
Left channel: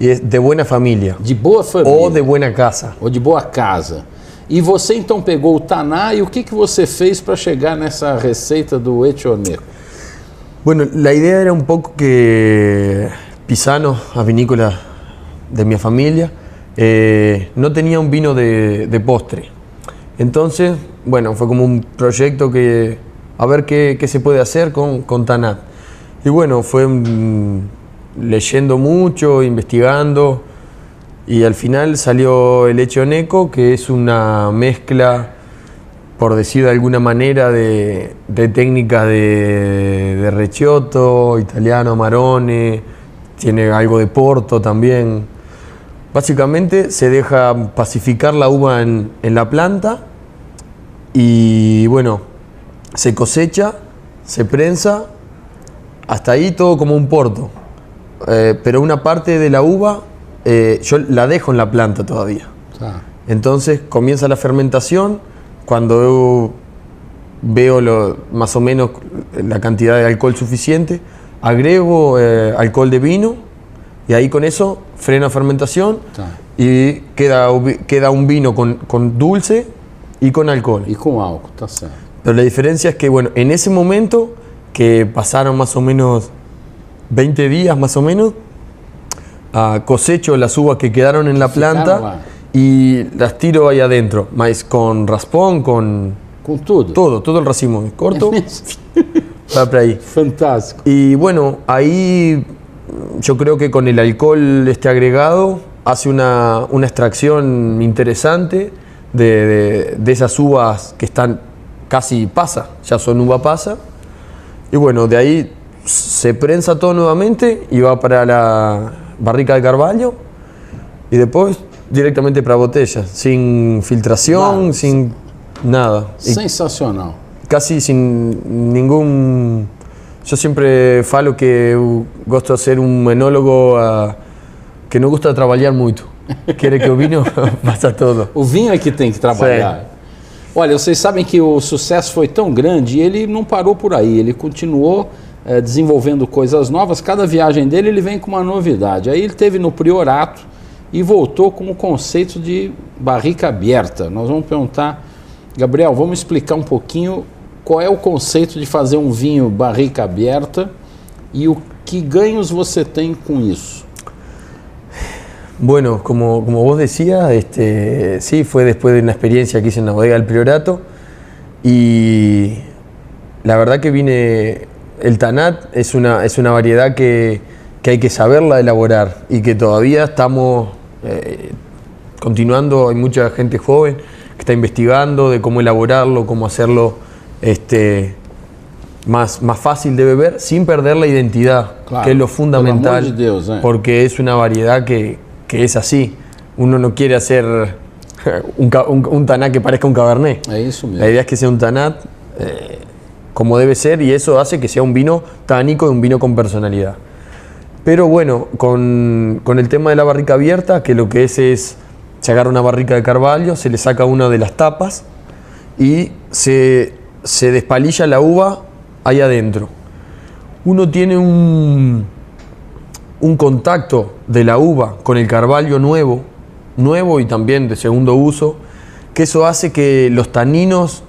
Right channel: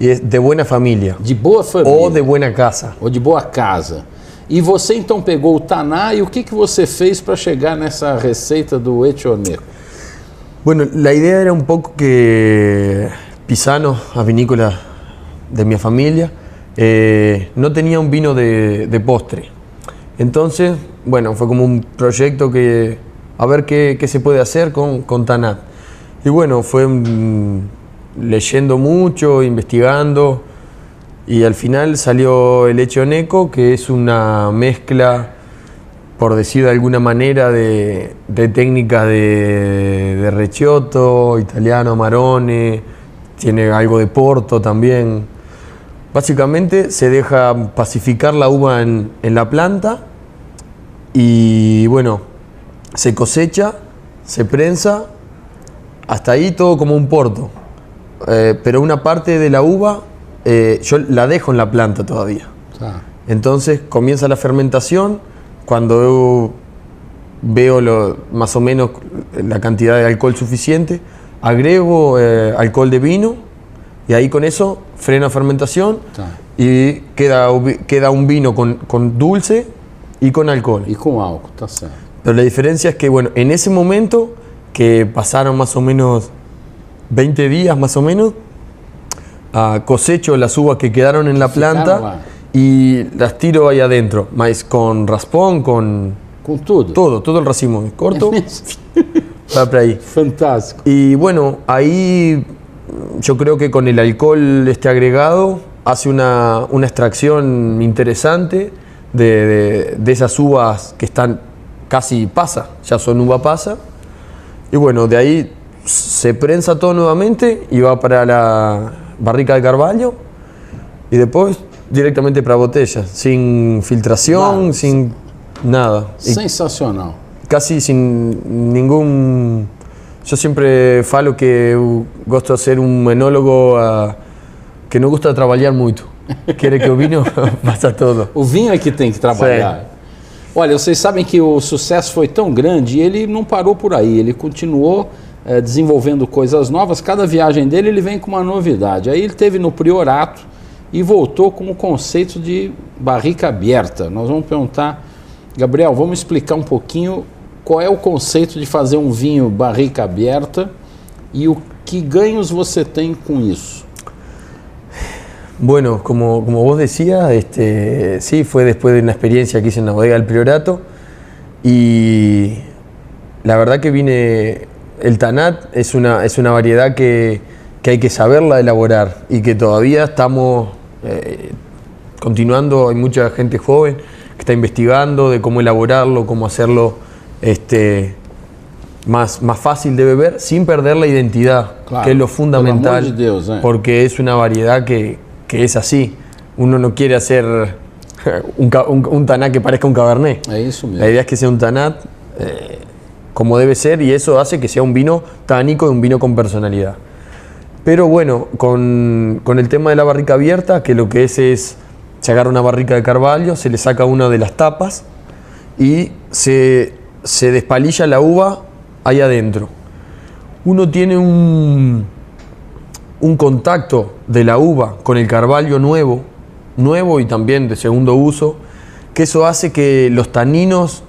e é de boa família. De boa família. Ou de boa casa. Ou de boa casa. E você então pegou o taná e o que você fez para chegar nessa receita do Etioneco? Bueno, la idea era un poco que Pisano, a vinícola de mi familia, no tenía un vino de postre. Entonces, bueno, fue como un proyecto que a ver qué se puede hacer con Tanat. Y bueno, fue leyendo mucho, investigando, y al final salió el Etioneco, que es una mezcla, por decir de alguna manera, de técnicas de Recioto, italiano, Amarone, tiene algo de Porto también. Básicamente se deja pacificar la uva en la planta y bueno, se cosecha, se prensa, hasta ahí todo como un porto. Pero una parte de la uva yo la dejo en la planta todavía. Entonces comienza la fermentación. Cuando veo más o menos la cantidad de alcohol suficiente, agrego alcohol de vino y ahí con eso freno la fermentación y queda un vino con dulce y con alcohol. Y con álcool, está certo. Pero la diferencia es que, bueno, en ese momento, que pasaron más o menos 20 días más o menos, cosecho las uvas que quedaron en la planta y las tiro ahí adentro, mas con raspón, con tudo. Todo el racimo, corto, va para ahí. Fantástico. Y bueno, ahí yo creo que con el alcohol agregado hace una extracción interesante de esas uvas que están casi pasa, ya son uva pasa. Y bueno, de ahí se prensa todo nuevamente y va para la barrica de Carvalho y después directamente para botella, sin filtración, sin nada. Sensacional. Casi sin ningún... Yo siempre falo que gosto de ser un enólogo que não gosta de trabalhar muito. Quer que o vinho faça todo. O vinho é que tem que trabalhar. Sim. Olha, vocês sabem que o sucesso foi tão grande e ele não parou por aí, ele continuou desenvolvendo coisas novas. Cada viagem dele ele vem com uma novidade. Aí ele teve no Priorato e voltou com o conceito de barrica aberta. Nós vamos perguntar, Gabriel, vamos explicar um pouquinho qual é o conceito de fazer um vinho barrica aberta e o que ganhos você tem com isso. Bueno, como vos decías, sí, fue después de una experiencia que hice en la bodega del Priorato y la verdad que el Tanat es una variedad que hay que saberla elaborar y que todavía estamos continuando. Hay mucha gente joven que está investigando de cómo elaborarlo, cómo hacerlo más fácil de beber sin perder la identidad, claro, que es lo fundamental, de Dios, porque es una variedad que es así. Uno no quiere hacer un Tanat que parezca un Cabernet. Eso mismo. La idea es que sea un Tanat como debe ser y eso hace que sea un vino tánico y un vino con personalidad. Pero bueno, con el tema de la barrica abierta, que lo que es se agarra una barrica de Carvalho, se le saca una de las tapas y se se despalilla la uva ahí adentro. Uno tiene un contacto de la uva con el carvalho nuevo y también de segundo uso, que eso hace que los taninos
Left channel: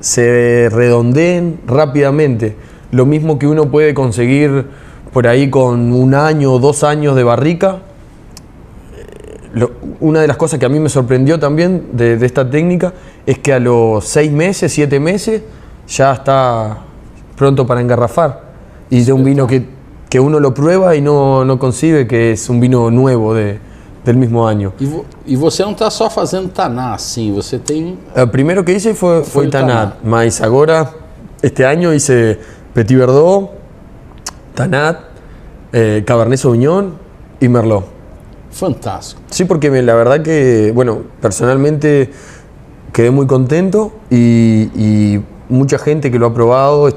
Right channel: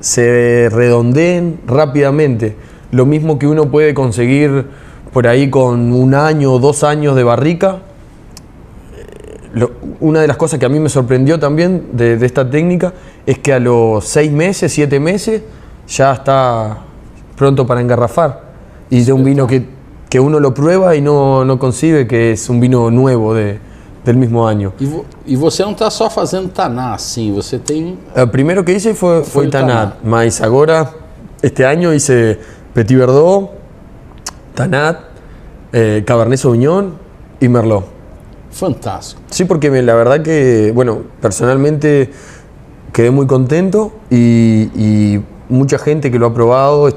se redondeen rápidamente. Lo mismo que uno puede conseguir por ahí con 1 año o 2 años de barrica. Una de las cosas que a mí me sorprendió también de esta técnica es que a los 6 meses, 7 meses ya está pronto para engarrafar. Y de un vino que uno lo prueba y no concibe que es un vino nuevo del mismo año. E você não está só fazendo taná assim, você tem... El primero que hice fue o Tanat, Tanat. mas ahora, este año hice Petit Verdot, Tanat, Cabernet Sauvignon y Merlot. Fantástico. Sí, porque la verdad que, bueno, personalmente quedé muy contento y mucha gente que lo ha probado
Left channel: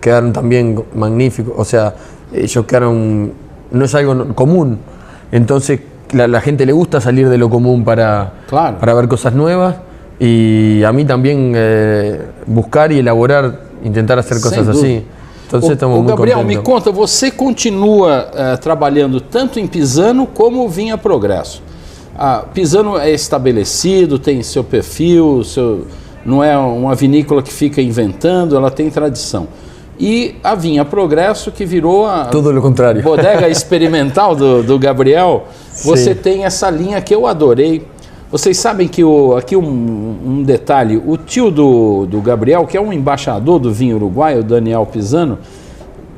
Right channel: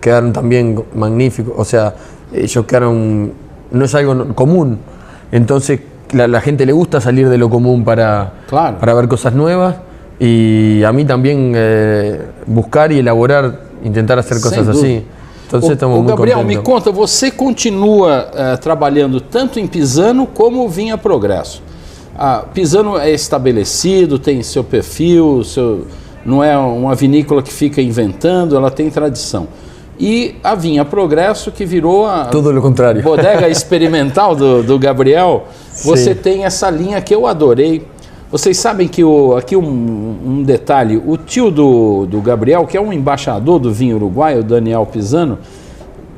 quedaron también magníficos. O sea, ellos quedaron, no es algo común. Entonces, la gente le gusta salir de lo común para ver cosas nuevas. Y a mí también buscar y elaborar, intentar hacer cosas así. Entonces estamos muy Gabriel, contentos. me conta, você continua trabalhando tanto em Pisano como Vinha Progresso. Pisano é estabelecido, tem seu perfil, não é uma vinícola que fica inventando, ela tem tradição. E a Vinha Progresso, que virou a Todo lo contrario. bodega experimental do Gabriel, você tem essa linha que eu adorei. Vocês sabem que aqui um detalhe, o tio do Gabriel, que é um embaixador do vinho uruguaio, o Daniel Pisano,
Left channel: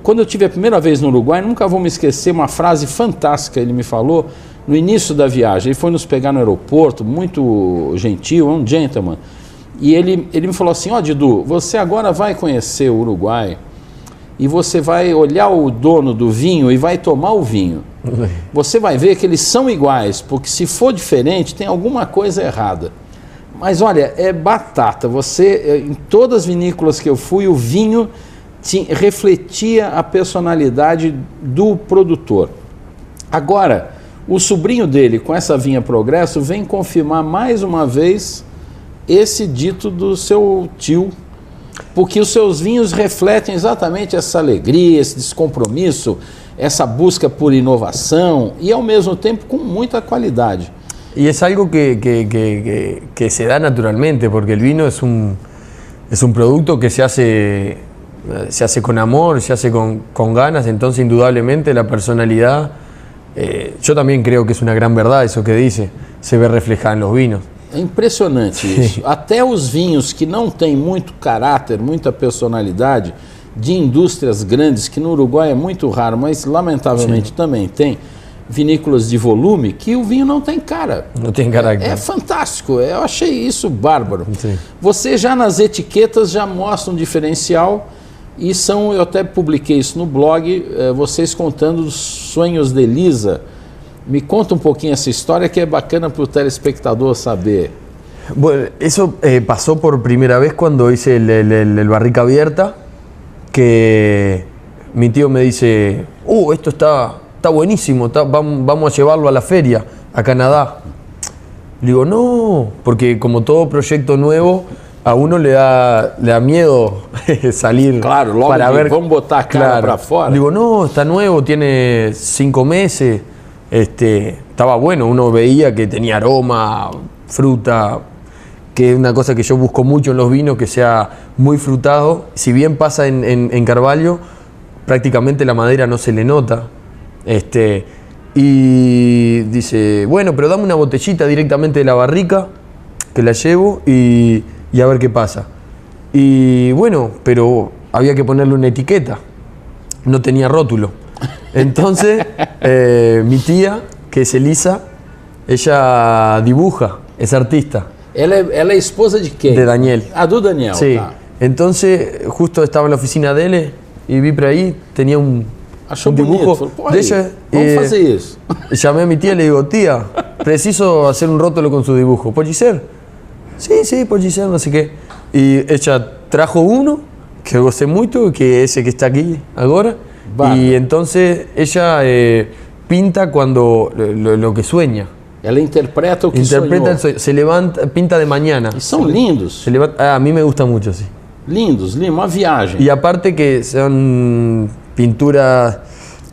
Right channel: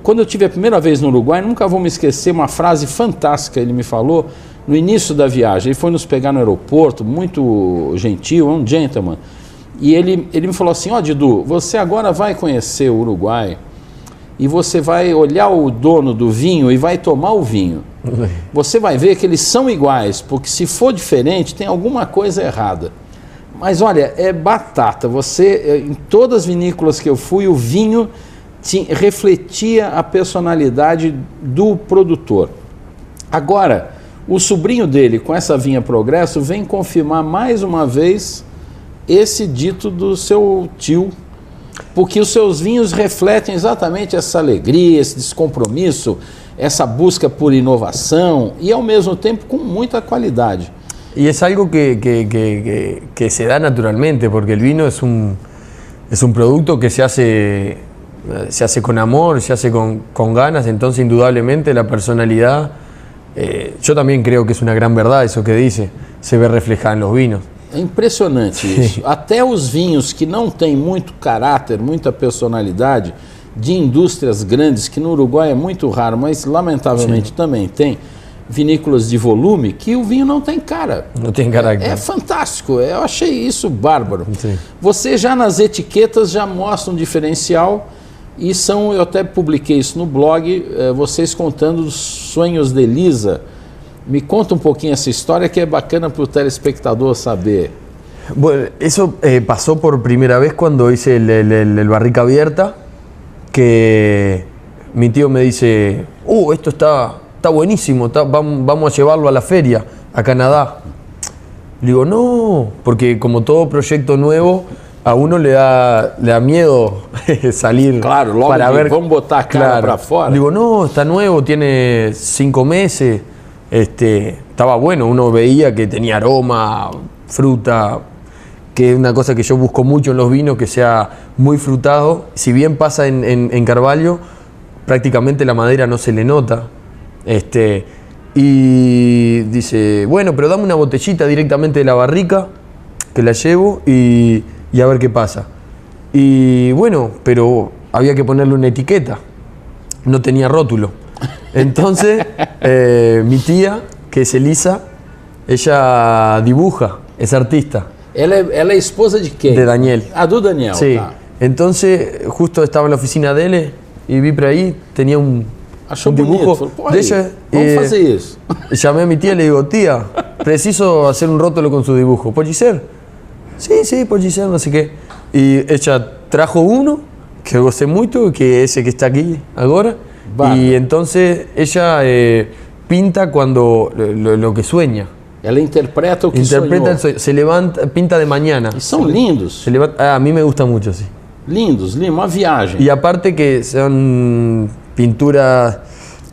quando eu tive a primeira vez no Uruguai, nunca vou me esquecer uma frase fantástica, ele me falou no início da viagem. Ele foi nos pegar no aeroporto, muito gentil, é um gentleman, e ele me falou assim: ó, Didu, você agora vai conhecer o Uruguai e você vai olhar o dono do vinho e vai tomar o vinho. Você vai ver que eles são iguais, porque se for diferente tem alguma coisa errada. Mas olha, é batata. Em todas as vinícolas que eu fui, o vinho refletia a personalidade do produtor. Agora, o sobrinho dele, com essa Vinha Progresso, vem confirmar mais uma vez esse dito do seu tio, porque os seus vinhos refletem exatamente essa alegria, esse descompromisso, essa busca por inovação e ao mesmo tempo com muita qualidade. Y es algo que se da naturalmente, porque el vino es un producto que se hace con amor, se hace con ganas. Entonces indudablemente la personalidad, yo también creo que es una gran verdad eso que dice, se ve reflejada en los vinos. É impressionante isso. Até os vinhos que não têm muito caráter, muita personalidade, de indústrias grandes, que no Uruguai é muito raro, mas lamentavelmente também tem, vinícolas de volume, que o vinho não tem cara. Não tem caráter. É fantástico, eu achei isso bárbaro. Sim. Você já nas etiquetas já mostra um diferencial e eu até publiquei isso no blog, vocês contando os sonhos de Elisa. Me conta um pouquinho essa história que é bacana para o telespectador saber. Bueno, eso pasó por primera vez cuando hice el barrica abierta, que mi tío me dice, esto está buenísimo, vamos a llevarlo a la feria, a Canadá. Le digo, no, porque como todo proyecto nuevo, a uno le da miedo salir Claro, para ver. Vamos botar a cara para fora. Le digo, no, está nuevo, tiene 5 meses, estaba bueno, uno veía que tenía aroma, fruta, que es una cosa que yo busco mucho en los vinos, que sea muy frutado. Si bien pasa en Carvalho, prácticamente la madera no se le nota. Y dice, bueno, pero dame una botellita directamente de la barrica, que la llevo y a ver qué pasa. Y bueno, pero había que ponerle una etiqueta, no tenía rótulo. Entonces, mi tía, que es Elisa, ella dibuja, es artista. Ela é esposa de quem? De Daniel. Do Daniel. Sí. Tá. Entonces, justo estaba en la oficina de él y vi por ahí, tenía un bonito, dibujo falou, pô, de aí, ella. vamos fazer isso. Llamé a mi tía y le digo, tía, preciso hacer un rótulo con su dibujo. ¿Puede ser? Sí, puede ser, no sé qué. Y ella trajo uno, que eu gosté mucho, que es ese que está aquí ahora. Vale. Y entonces ella pinta cuando lo que sueña. Ela interpreta o que Interpreta el sonhou. sueño, se levanta, pinta de mañana. E são lindos, Se levanta, a mí me gusta mucho, sí. lindos, uma viagem. Y aparte que son pinturas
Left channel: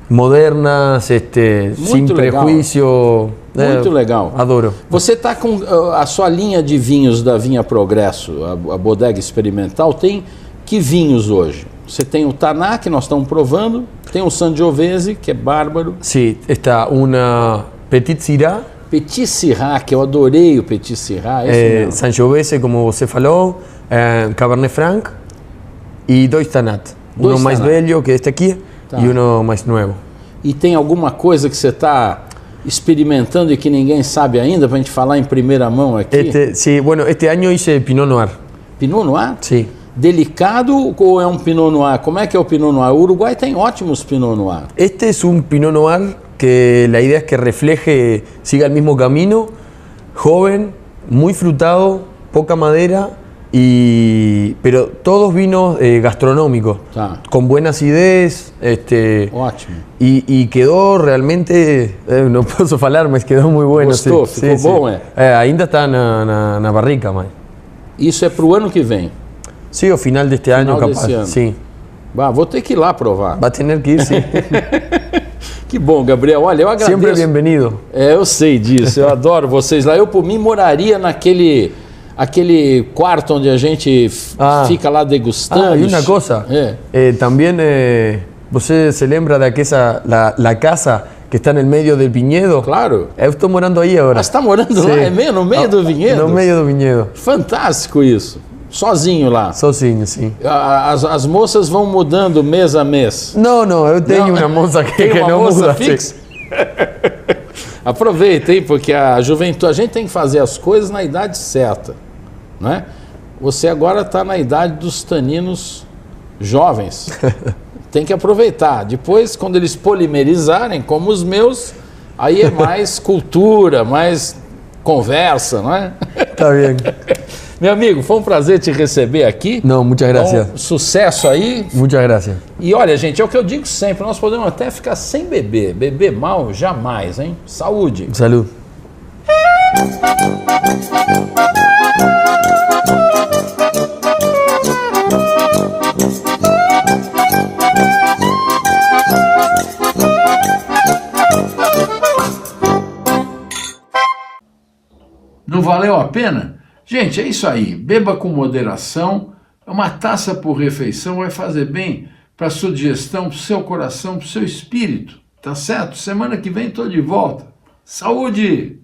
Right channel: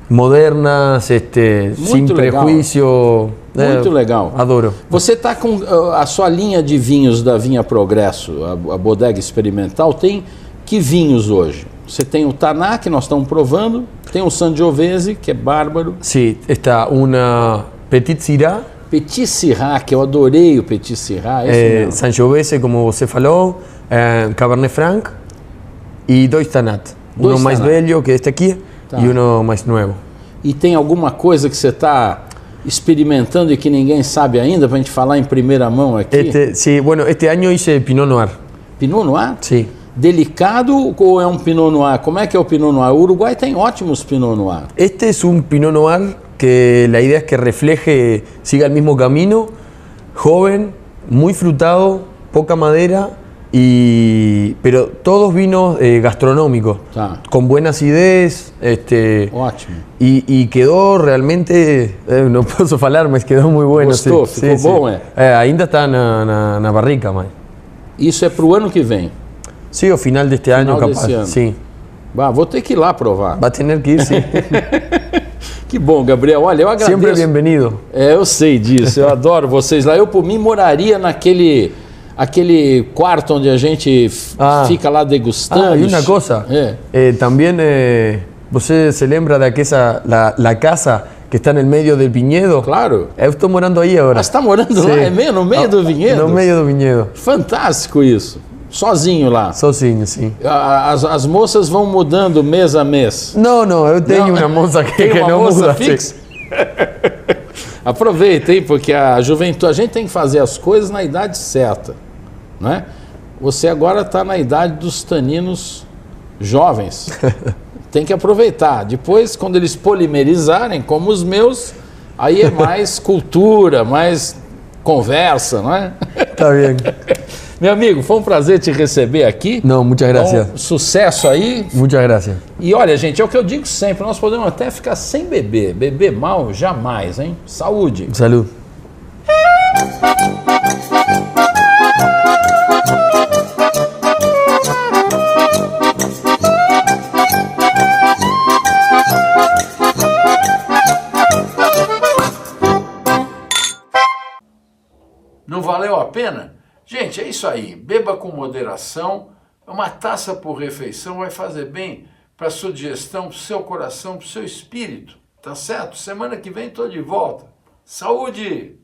modernas, sin legal. prejuicio. Muito legal. Adoro. Você está com a sua linha de vinhos da Vinha Progresso, a bodega experimental, tem que vinhos hoje? Você tem o Taná, que nós estamos provando, tem o Sangiovese, que é bárbaro, Sí, está una Petit Syrah, Petit Syrah, que eu adorei o Petit Syrah, esse mesmo. Sangiovese, como você falou, Cabernet Franc y dos Tanat. Dois Uno más Tanat. bello que este aquí Tá. y uno más nuevo. E tem alguma coisa que você está experimentando e que ninguém sabe ainda, para a gente falar em primeira mão aqui? Sí, bueno, este año hice Pinot Noir. Pinot Noir? Sí. Delicado ou é um Pinot Noir? Como é que é o Pinot Noir? O Uruguai tem ótimos Pinot Noir. Este es un Pinot Noir que la idea es que refleje, siga el mismo camino, joven, muy frutado, poca madera, pero todos vinos gastronómicos, Tá. con buena acidez, Ótimo. y quedó realmente, no posso falar, mas quedó muy bueno. Gostou? Ficou bom, ainda está na barrica, mas. Isso é para o ano que vem. Sí, o final de este año, capaz. desse ano. Sí. Bah, vou ter que ir lá provar. Va a tener que ir, sí. Que bom, Gabriel. Olha, eu agradeço. Siempre bienvenido. Eu sei disso. Eu adoro vocês lá. Eu, por mim, moraria aquele quarto onde a gente fica lá degustando. Y una cosa, también você se lembra de aquella, la casa que está en el medio del viñedo? Claro. Eu estou morando aí agora. Ah, você está morando lá? É mesmo? No meio do vinhedo? No meio do vinhedo. Fantástico isso. Sozinho lá. Sozinho, sim. As moças vão mudando mês a mês. Não, eu tenho uma moça que, Tem uma não moça muda. fixa? Aproveitem, porque a juventude, a gente tem que fazer as coisas na idade certa, né? Você agora está na idade dos taninos jovens. Tem que aproveitar. Depois, quando eles polimerizarem, como os meus, aí é mais cultura, mais conversa, não é? Tá bem. Meu amigo, foi um prazer te receber aqui. Não, muitas gracias. Bom, sucesso aí. Muitas gracias. E olha, gente, é o que eu digo sempre, nós podemos até ficar sem beber. Beber mal, jamais, hein? Saúde. Salud. Não valeu a pena? Gente, é isso aí. Beba com moderação. Uma taça por refeição vai fazer bem para a sua digestão, para o seu coração, para o seu espírito. Tá certo? Semana que vem estou de volta. Saúde!